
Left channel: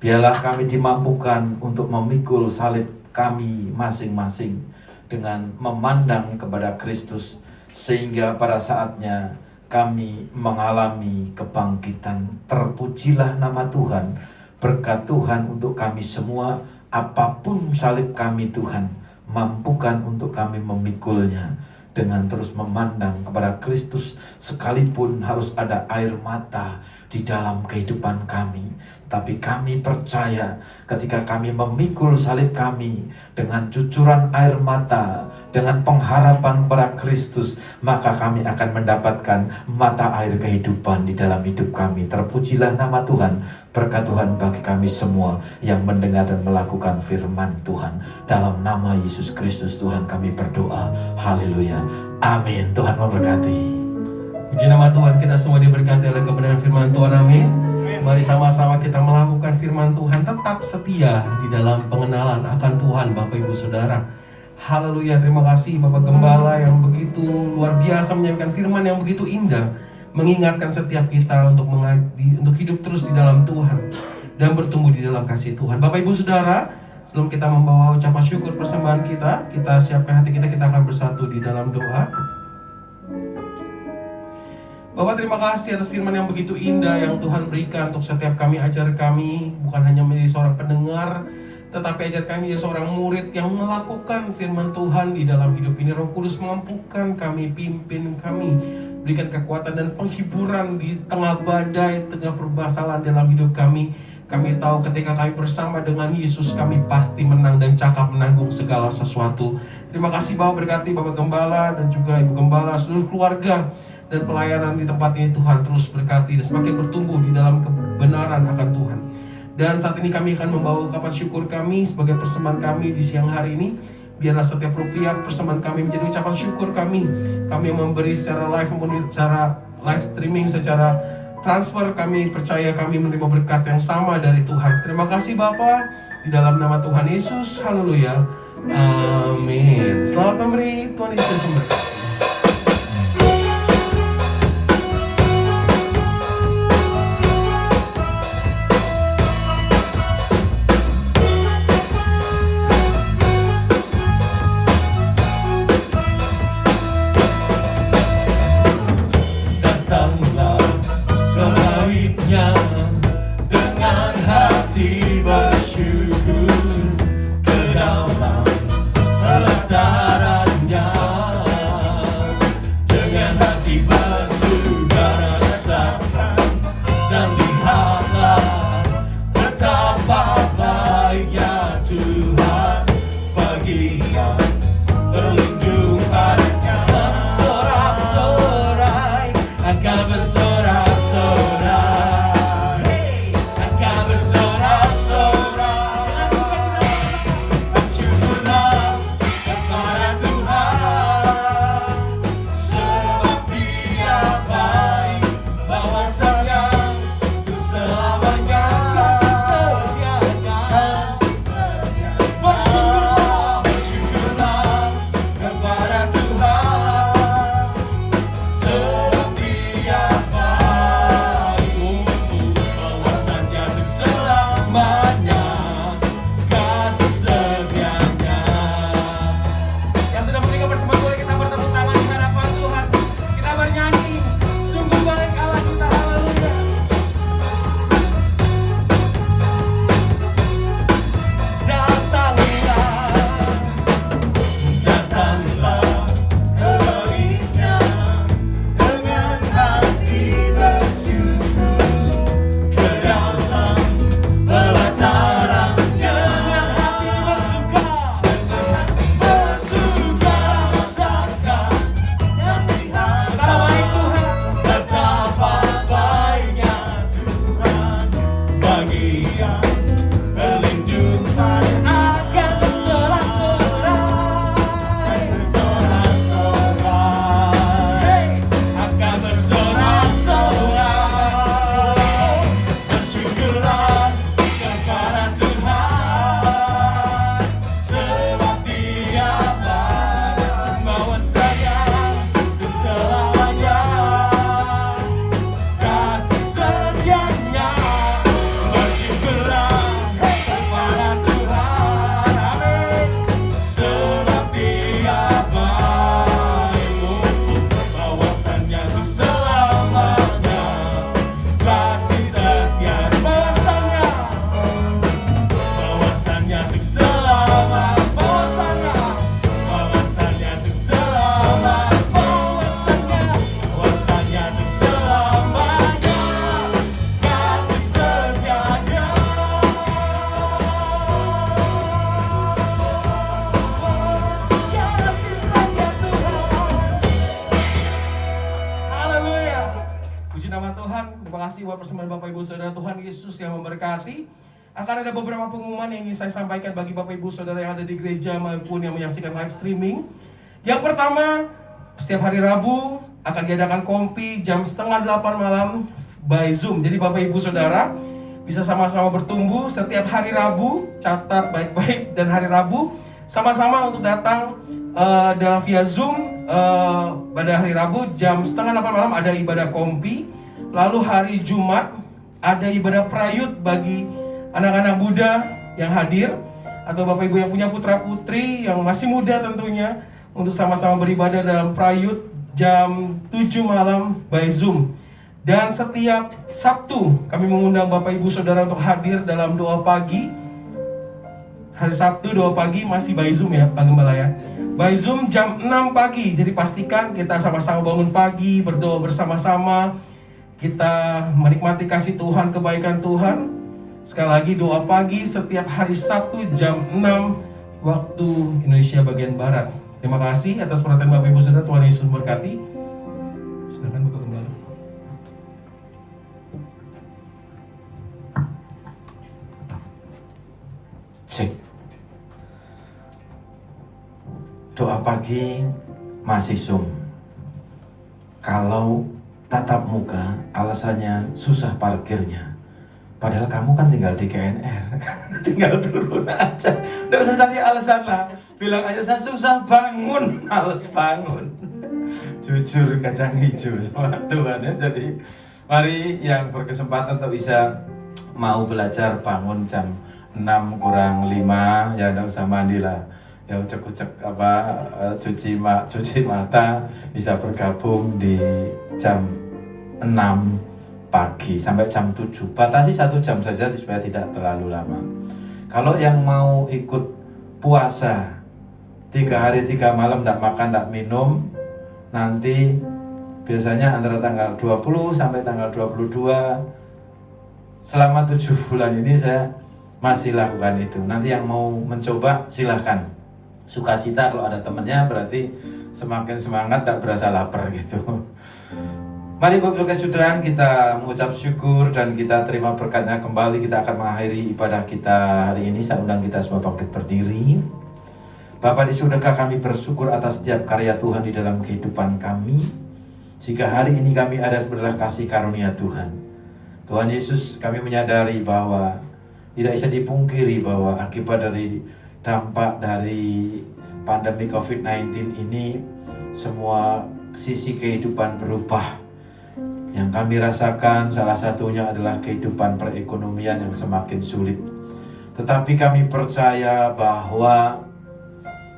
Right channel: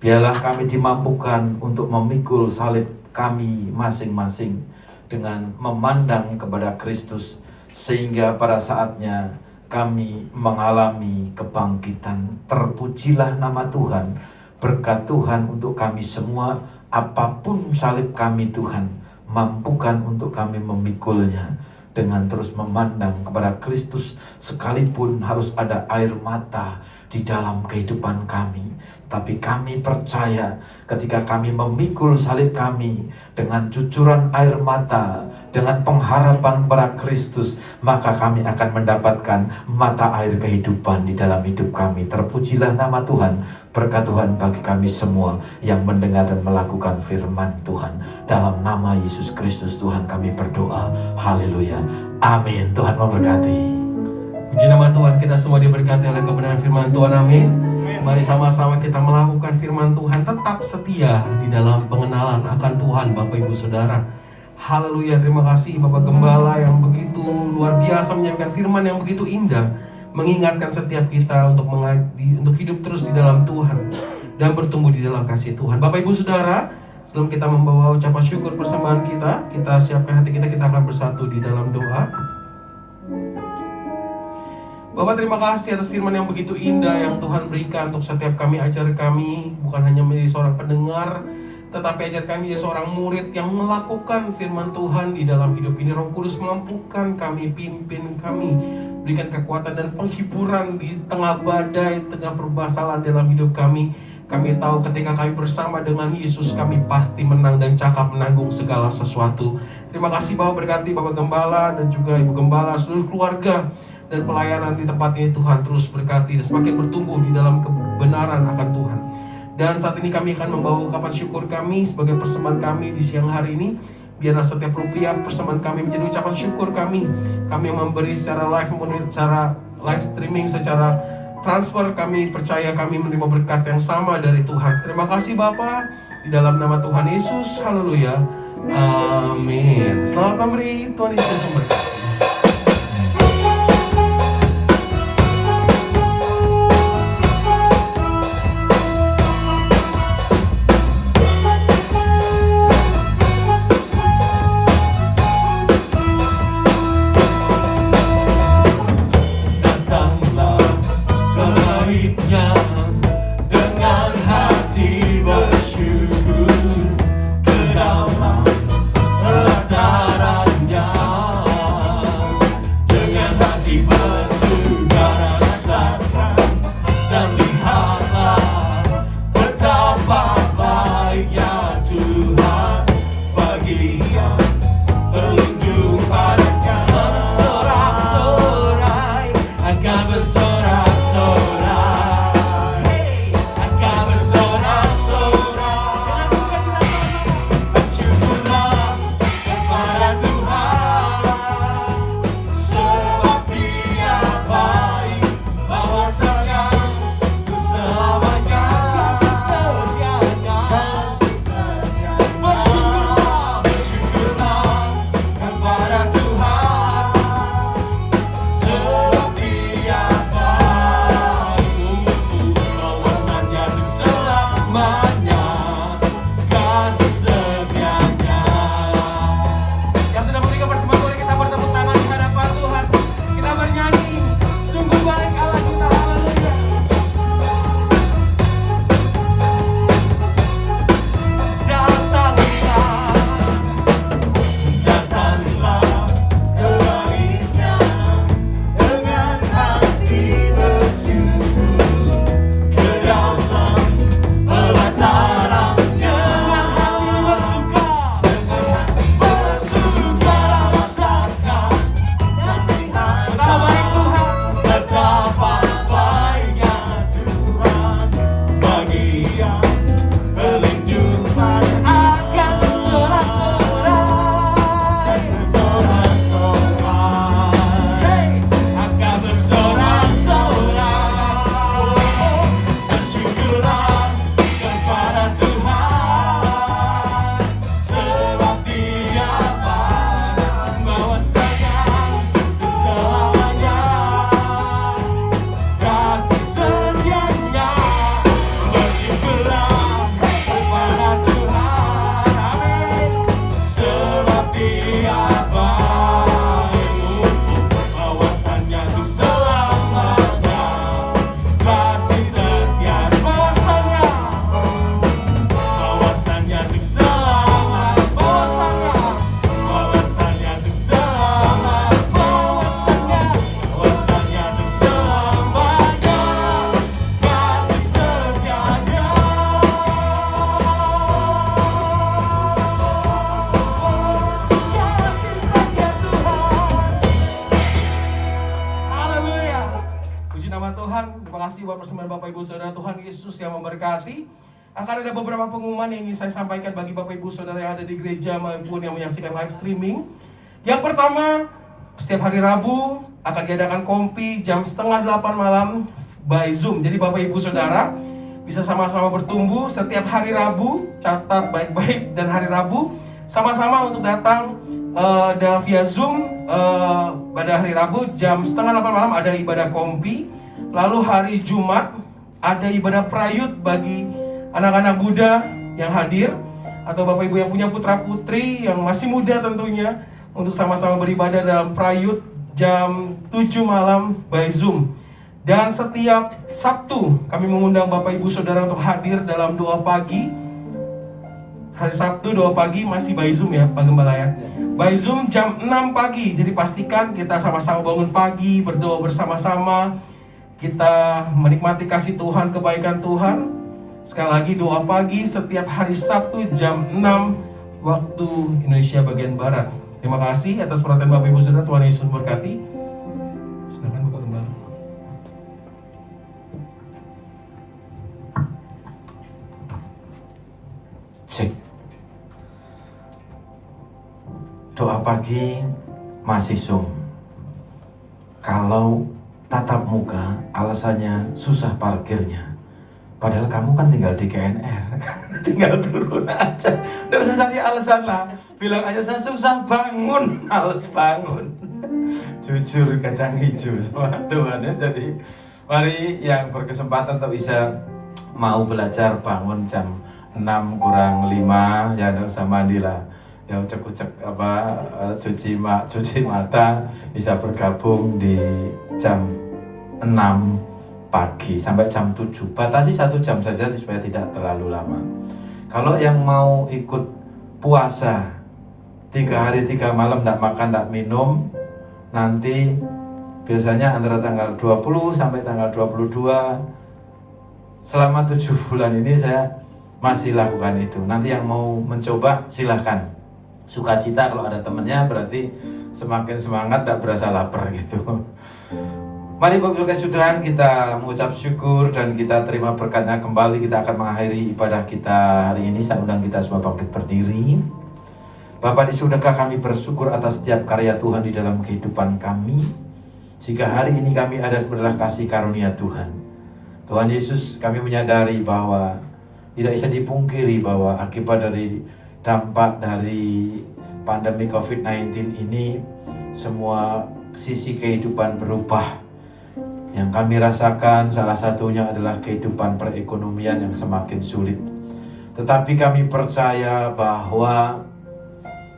Biarlah kami dimampukan untuk memikul salib kami masing-masing dengan memandang kepada Kristus, sehingga pada saatnya kami mengalami kebangkitan. Terpujilah nama Tuhan. Berkat Tuhan untuk kami semua. Apapun salib kami Tuhan, mampukan untuk kami memikulnya dengan terus memandang kepada Kristus, sekalipun harus ada air mata di dalam kehidupan kami. Tapi kami percaya ketika kami memikul salib kami dengan cucuran air mata, dengan pengharapan kepada Kristus, maka kami akan mendapatkan mata air kehidupan di dalam hidup kami. Terpujilah nama Tuhan. Berkat Tuhan bagi kami semua yang mendengar dan melakukan firman Tuhan. Dalam nama Yesus Kristus Tuhan kami berdoa. Haleluya. Amin. Tuhan memberkati. Puji nama Tuhan, kita semua diberkati oleh kebenaran firman Tuhan. Amin. Mari sama-sama kita melakukan firman Tuhan, tetap setia di dalam pengenalan akan Tuhan, Bapak Ibu Saudara. Haleluya, terima kasih Bapak Gembala yang begitu luar biasa menyampaikan firman yang begitu indah, mengingatkan setiap kita untuk hidup terus di dalam Tuhan dan bertumbuh di dalam kasih Tuhan. Bapak Ibu Saudara, sebelum kita membawa ucapan syukur persembahan kita siapkan hati kita akan bersatu di dalam doa. Bapak, terima kasih atas firman yang begitu indah yang Tuhan berikan untuk setiap kami, ajar kami, bukan hanya menjadi seorang pendengar, tetapi ajar kami menjadi seorang murid yang melakukan firman Tuhan di dalam hidup ini. Roh Kudus mampukan kami, pimpin kami, berikan kekuatan dan penghiburan di tengah badai, tengah permasalahan dalam hidup kami. Kami tahu ketika kami bersama dengan Yesus, kami pasti menang dan cakap menanggung segala sesuatu. Terima kasih Bapak, berkati Bapak Gembala dan juga Ibu Gembala, seluruh keluarga dan pelayanan di tempat ini. Tuhan terus berkati dan semakin bertumbuh di dalam kebenaran akan Tuhan. Dan saat ini kami akan membawa ungkapan syukur kami sebagai persembahan kami di siang hari ini. Biarlah setiap rupiah persembahan kami menjadi ucapan syukur kami. Kami yang memberi secara live maupun secara live streaming, secara transfer, kami percaya kami menerima berkat yang sama dari Tuhan. Terima kasih Bapa, di dalam nama Tuhan Yesus. Haleluya. Amin. Selamat memberi, Tuhan Yesus memberkati. Saudara, Tuhan Yesus yang memberkati. Akan ada beberapa pengumuman yang ingin saya sampaikan bagi Bapak Ibu Saudara yang ada di gereja maupun yang menyaksikan live streaming. Yang pertama, setiap hari Rabu akan diadakan kompi jam 7:30 malam by Zoom. Jadi Bapak Ibu Saudara bisa sama-sama bertumbuh setiap hari Rabu. Catat baik-baik, dan hari Rabu sama-sama untuk datang dalam via Zoom. Pada hari Rabu jam 7:30 malam ada ibadah kompi. Lalu hari Jumat ada ibadah prayut bagi anak-anak muda yang hadir, atau Bapak Ibu yang punya putra-putri yang masih muda tentunya, untuk sama-sama beribadah dalam prayut jam 7 malam by Zoom. Dan setiap Sabtu kami mengundang Bapak Ibu Saudara untuk hadir dalam doa pagi Hari Sabtu 2 pagi masih by Zoom ya Pak Gembala ya. By Zoom jam 6 pagi. Jadi pastikan kita sama-sama bangun pagi, berdoa bersama-sama. Kita menikmati kasih Tuhan, kebaikan Tuhan. Sekali lagi doa pagi setiap hari Sabtu jam 6 waktu Indonesia bagian Barat. Terima kasih atas perhatian Bapak Ibu Saudara. Tuhan Yesus berkati. Silakan Bapak Gembala. Cek. Doa pagi masih Zoom. Kalau tatap muka alasannya susah parkirnya. Padahal kamu kan tinggal di KNR. Tinggal turun aja. Nggak usah cari alasan lah. Bilang aja saya susah bangun, males bangun. Jujur kacang hijau sama Tuhan ya. Jadi mari yang berkesempatan untuk bisa mau belajar bangun jam 6 kurang 5 ya nggak usah mandi lah. Ya ucek-ucek cuci mata bisa bergabung di jam 6 pagi sampai jam 7. Batasi 1 jam saja supaya tidak terlalu lama. Kalau yang mau ikut puasa 3 hari 3 malam tidak makan tidak minum, nanti biasanya antara tanggal 20 sampai tanggal 22 selama 7 bulan ini saya masih lakukan itu. Nanti yang mau mencoba silahkan. Sukacita kalau ada temennya, berarti semakin semangat, tak berasa lapar gitu. Mari Bapak Ibu Tuhan, kita mengucap syukur dan kita terima berkatnya kembali. Kita akan mengakhiri ibadah kita hari ini. Saya undang kita semua bangkit berdiri. Bapa di surga, kami bersyukur atas setiap karya Tuhan di dalam kehidupan kami. Jika hari ini kami ada adalah kasih karunia Tuhan. Tuhan Yesus, kami menyadari bahwa tidak bisa dipungkiri bahwa akibat dari dampak dari pandemi COVID-19 ini, semua sisi kehidupan berubah. Yang kami rasakan salah satunya adalah kehidupan perekonomian yang semakin sulit. Tetapi kami percaya bahwa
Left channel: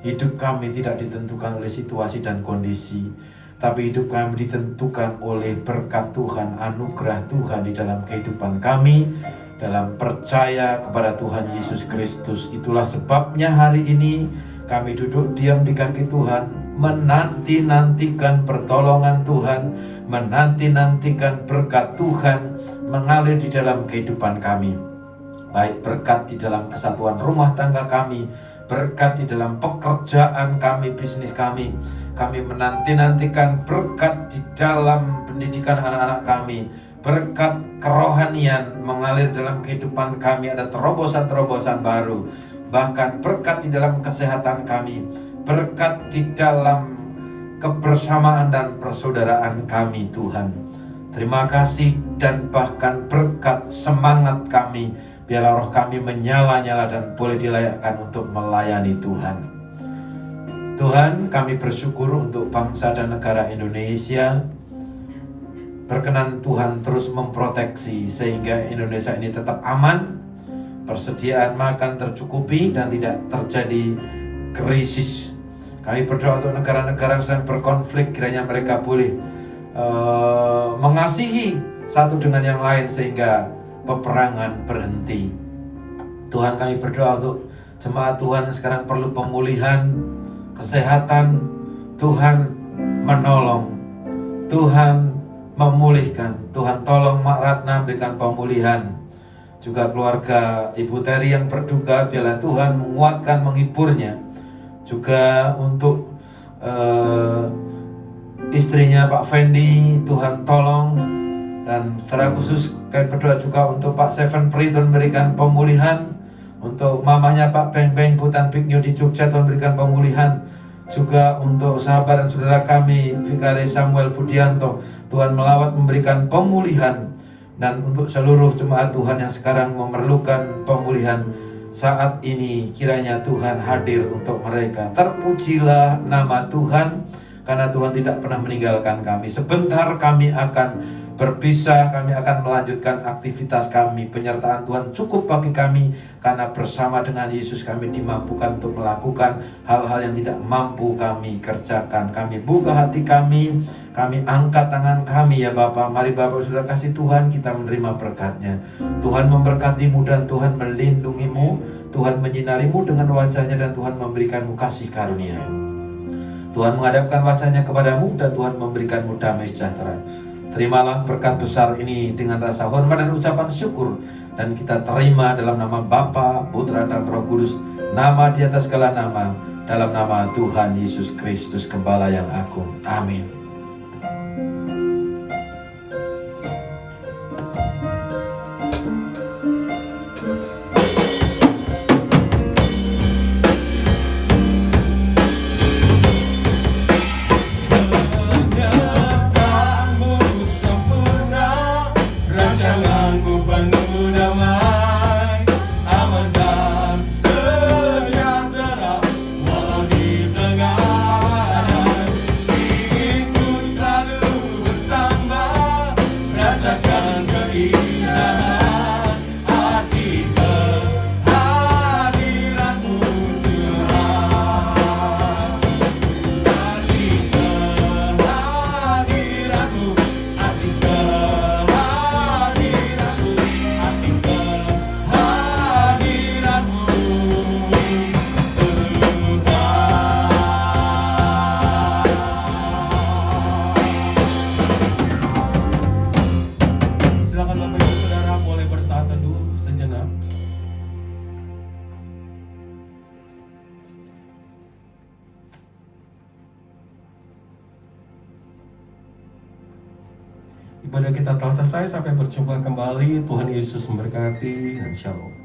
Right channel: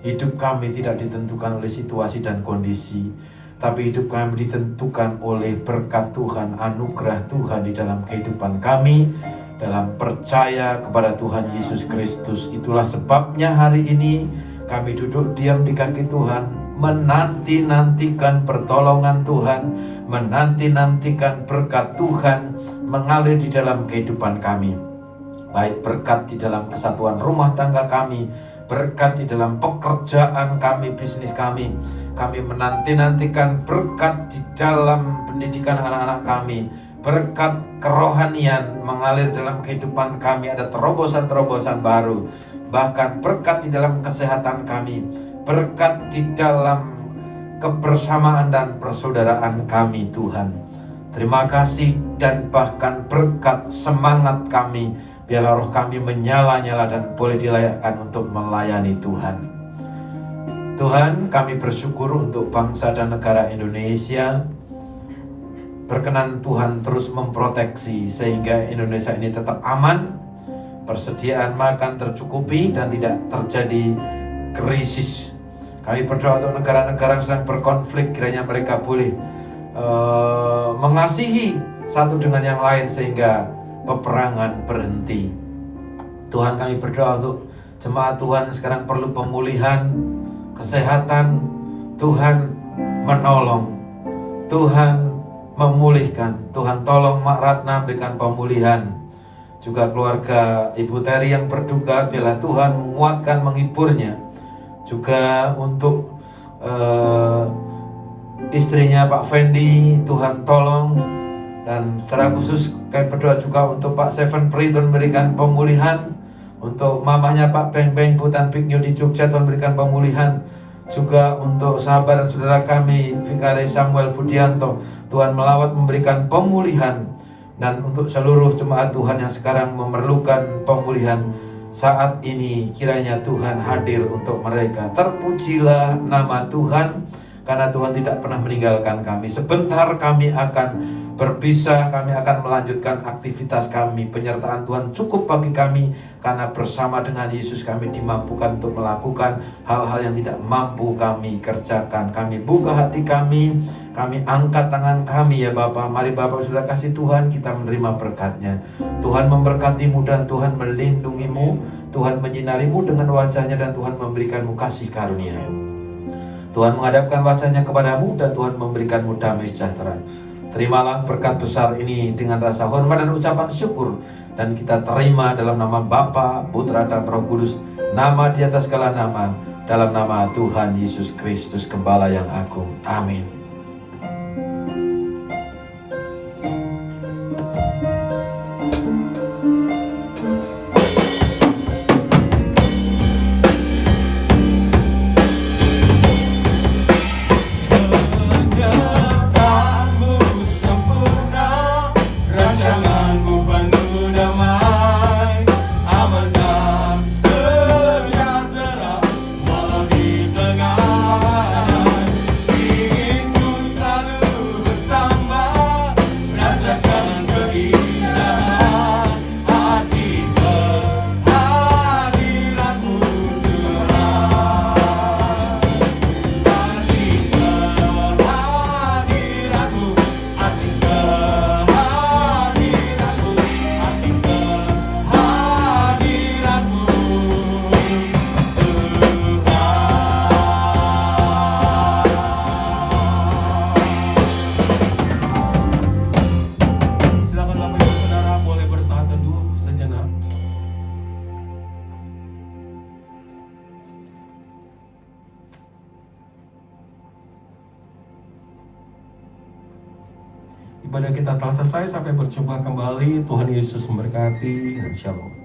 hidup kami tidak ditentukan oleh situasi dan kondisi, tapi hidup kami ditentukan oleh berkat Tuhan, anugerah Tuhan di dalam kehidupan kami, dalam percaya kepada Tuhan Yesus Kristus. Itulah sebabnya hari ini kami duduk diam di kaki Tuhan, menanti-nantikan pertolongan Tuhan, menanti-nantikan berkat Tuhan mengalir di dalam kehidupan kami. Baik berkat di dalam kesatuan rumah tangga kami, berkat di dalam pekerjaan kami, bisnis kami. Kami menanti-nantikan berkat di dalam pendidikan anak-anak kami, berkat kerohanian mengalir dalam kehidupan kami, ada terobosan-terobosan baru. Bahkan berkat di dalam kesehatan kami, berkat di dalam kebersamaan dan persaudaraan kami Tuhan. Terima kasih dan bahkan berkat semangat kami, biarlah roh kami menyala-nyala dan boleh dilayakkan untuk melayani Tuhan. Tuhan, kami bersyukur untuk bangsa dan negara Indonesia. Berkenan Tuhan terus memproteksi sehingga Indonesia ini tetap aman, persediaan makan tercukupi dan tidak terjadi krisis. Kami berdoa untuk negara-negara yang sedang berkonflik, kiranya mereka boleh mengasihi satu dengan yang lain sehingga peperangan berhenti. Tuhan, kami berdoa untuk jemaat Tuhan yang sekarang perlu pemulihan kesehatan. Tuhan menolong, Tuhan memulihkan. Tuhan tolong Mak Ratna berikan pemulihan. Juga keluarga Ibu Teri yang berduka, biarlah Tuhan menguatkan, menghiburnya. Juga untuk istrinya Pak Fendi, Tuhan tolong. Dan secara khusus kami berdoa juga untuk Pak Seven Pri, Tuhan berikan pemulihan. Untuk mamanya Pak Beng Beng Putan Piknyo di Jogja, Tuhan berikan pemulihan. Juga untuk sahabat dan saudara kami Vikaris Samuel Budianto, Tuhan melawat memberikan pemulihan. Dan untuk seluruh jemaat Tuhan yang sekarang memerlukan pemulihan saat ini, kiranya Tuhan hadir untuk mereka. Terpujilah nama Tuhan, karena Tuhan tidak pernah meninggalkan kami. Sebentar kami akan Berpisah, kami akan melanjutkan aktivitas kami. Penyertaan Tuhan cukup bagi kami, karena bersama dengan Yesus kami dimampukan untuk melakukan hal-hal yang tidak mampu kami kerjakan. Kami buka hati kami angkat tangan kami ya Bapa. Mari Bapak sudah kasih Tuhan, kita menerima berkat-Nya. Tuhan memberkatimu dan Tuhan melindungimu. Tuhan menyinarimu dengan wajah-Nya dan Tuhan memberikanmu kasih karunia. Tuhan menghadapkan wajah-Nya kepadamu dan Tuhan memberikanmu damai sejahtera. Terimalah berkat besar ini dengan rasa hormat dan ucapan syukur, dan kita terima dalam nama Bapa, Putra, dan Roh Kudus, nama di atas segala nama, dalam nama Tuhan Yesus Kristus, Gembala yang agung. Amin. Ibadah kita telah selesai, sampai berjumpa kembali. Tuhan Yesus memberkati dan shalom.